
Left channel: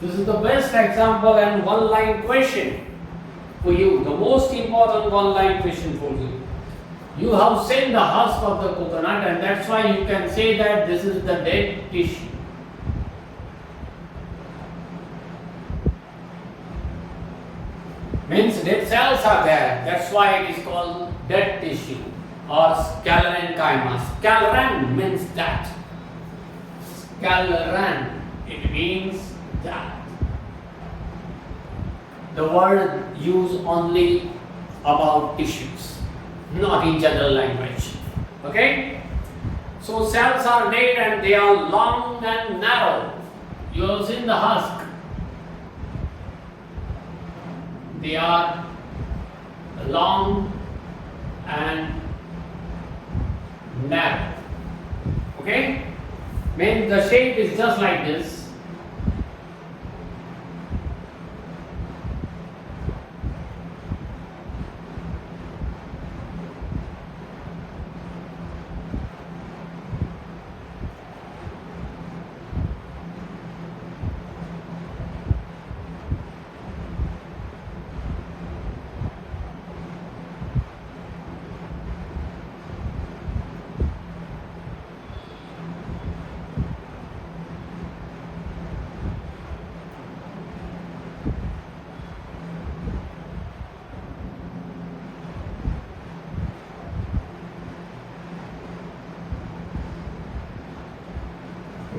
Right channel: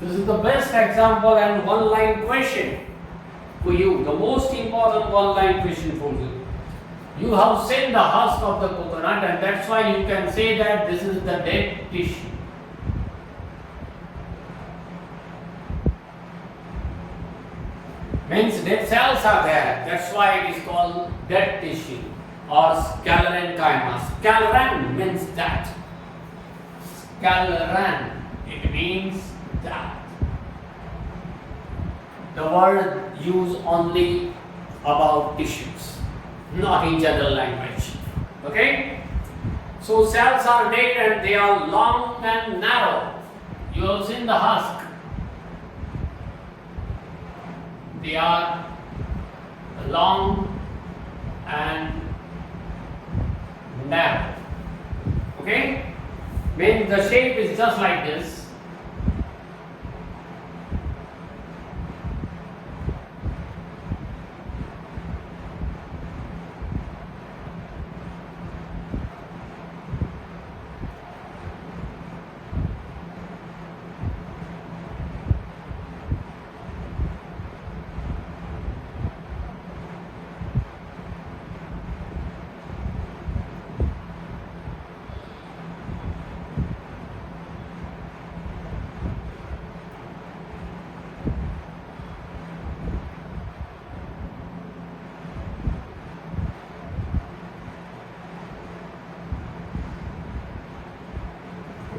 This is the best example and one-line question for you. The most important one-line question for you. You have seen the husk of the coconut, and that's why you can say that this is the dead tissue. Means dead cells are there. That's why it is called dead tissue or Sclerenchyma. Scleren means that. Scleren, it means that. The word used only about tissues, not in general language. Okay? So cells are made and they are long and narrow. You have seen the husk. They are long and narrow. Okay? When the shape is just like this.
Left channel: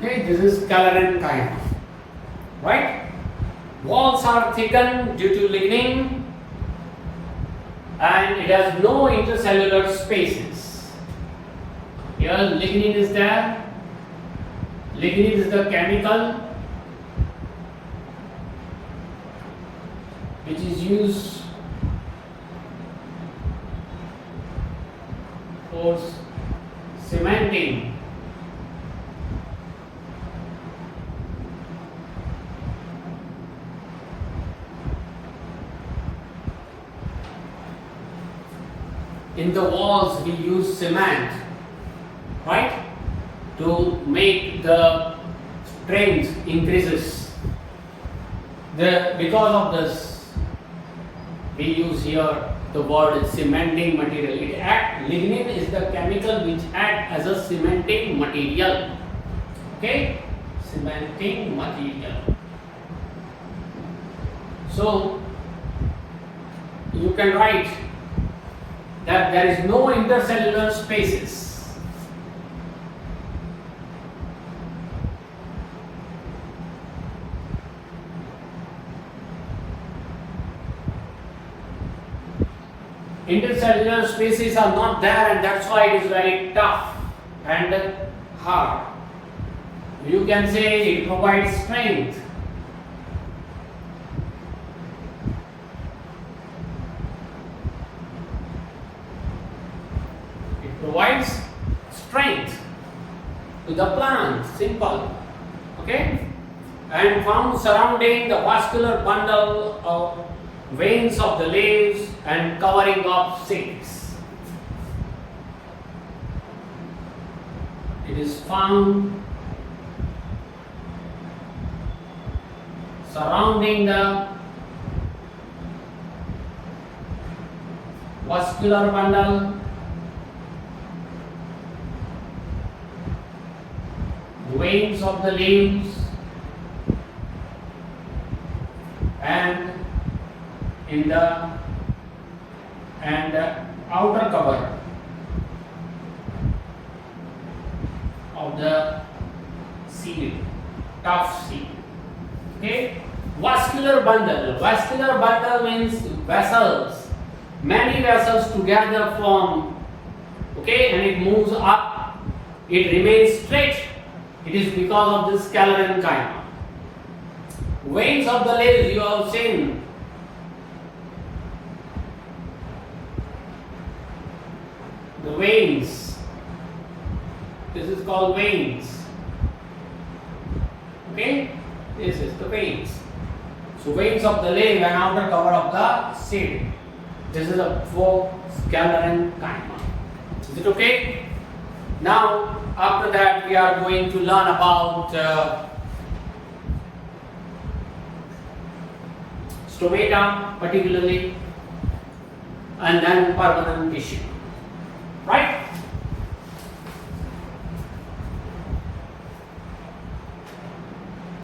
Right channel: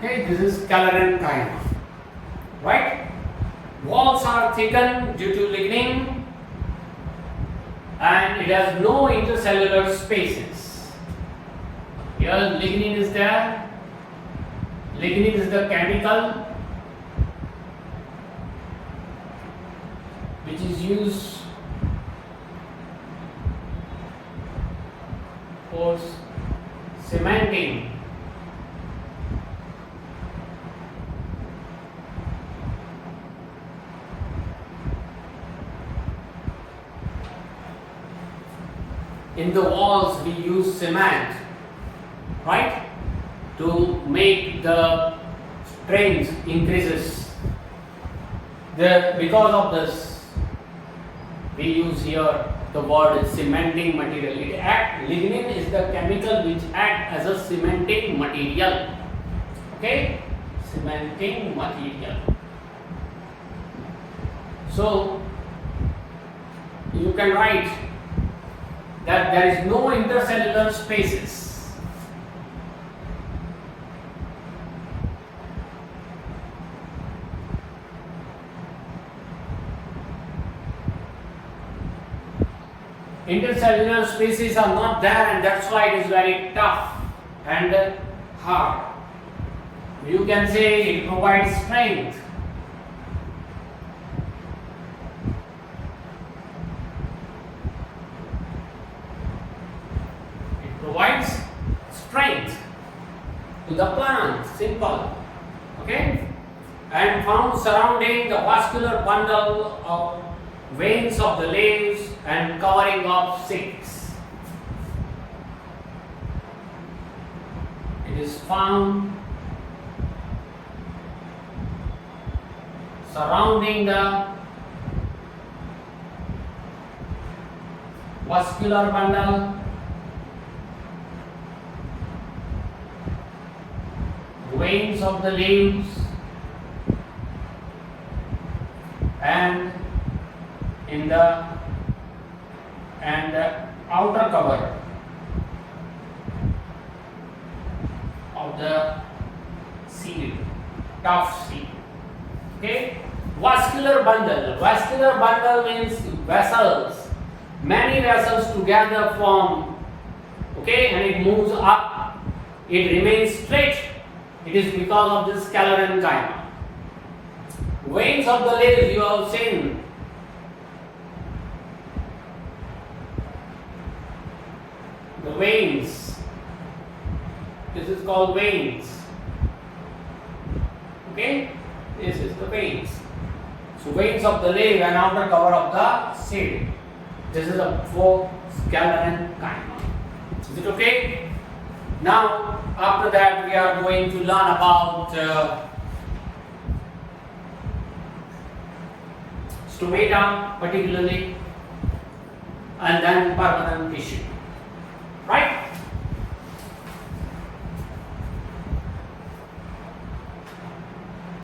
Okay, this is Collenchyma, right? Walls are thickened due to lignin and it has no intercellular spaces. Here lignin is there. Lignin is the chemical which is used for cementing in the walls. We use cement, right, to make the strength increases. Because of this, we use here the word cementing material. Lignin is the chemical which acts as a cementing material. Okay, cementing material. So you can write that there is no intercellular spaces. Intercellular spaces are not there and that's why it is very tough and hard. You can say it provides strength. Provides strength to the plant, simple. Okay? And found surrounding the vascular bundle of veins of the leaves and covering of seeds. It is found surrounding the vascular bundle, veins of the leaves, and in the outer cover of the seed, tough seed. Okay, vascular bundle. Vascular bundle means vessels. Many vessels together form. Okay, and it moves up. It remains straight. It is because of this Sclerenchyma. Veins of the leaves you have seen. The veins. This is called veins. Okay? This is the veins. So veins of the leaf and outer cover of the seed. This is a for Sclerenchyma. Is it okay? Now, after that, we are going to learn about stomata particularly, and then permanent tissue. Right?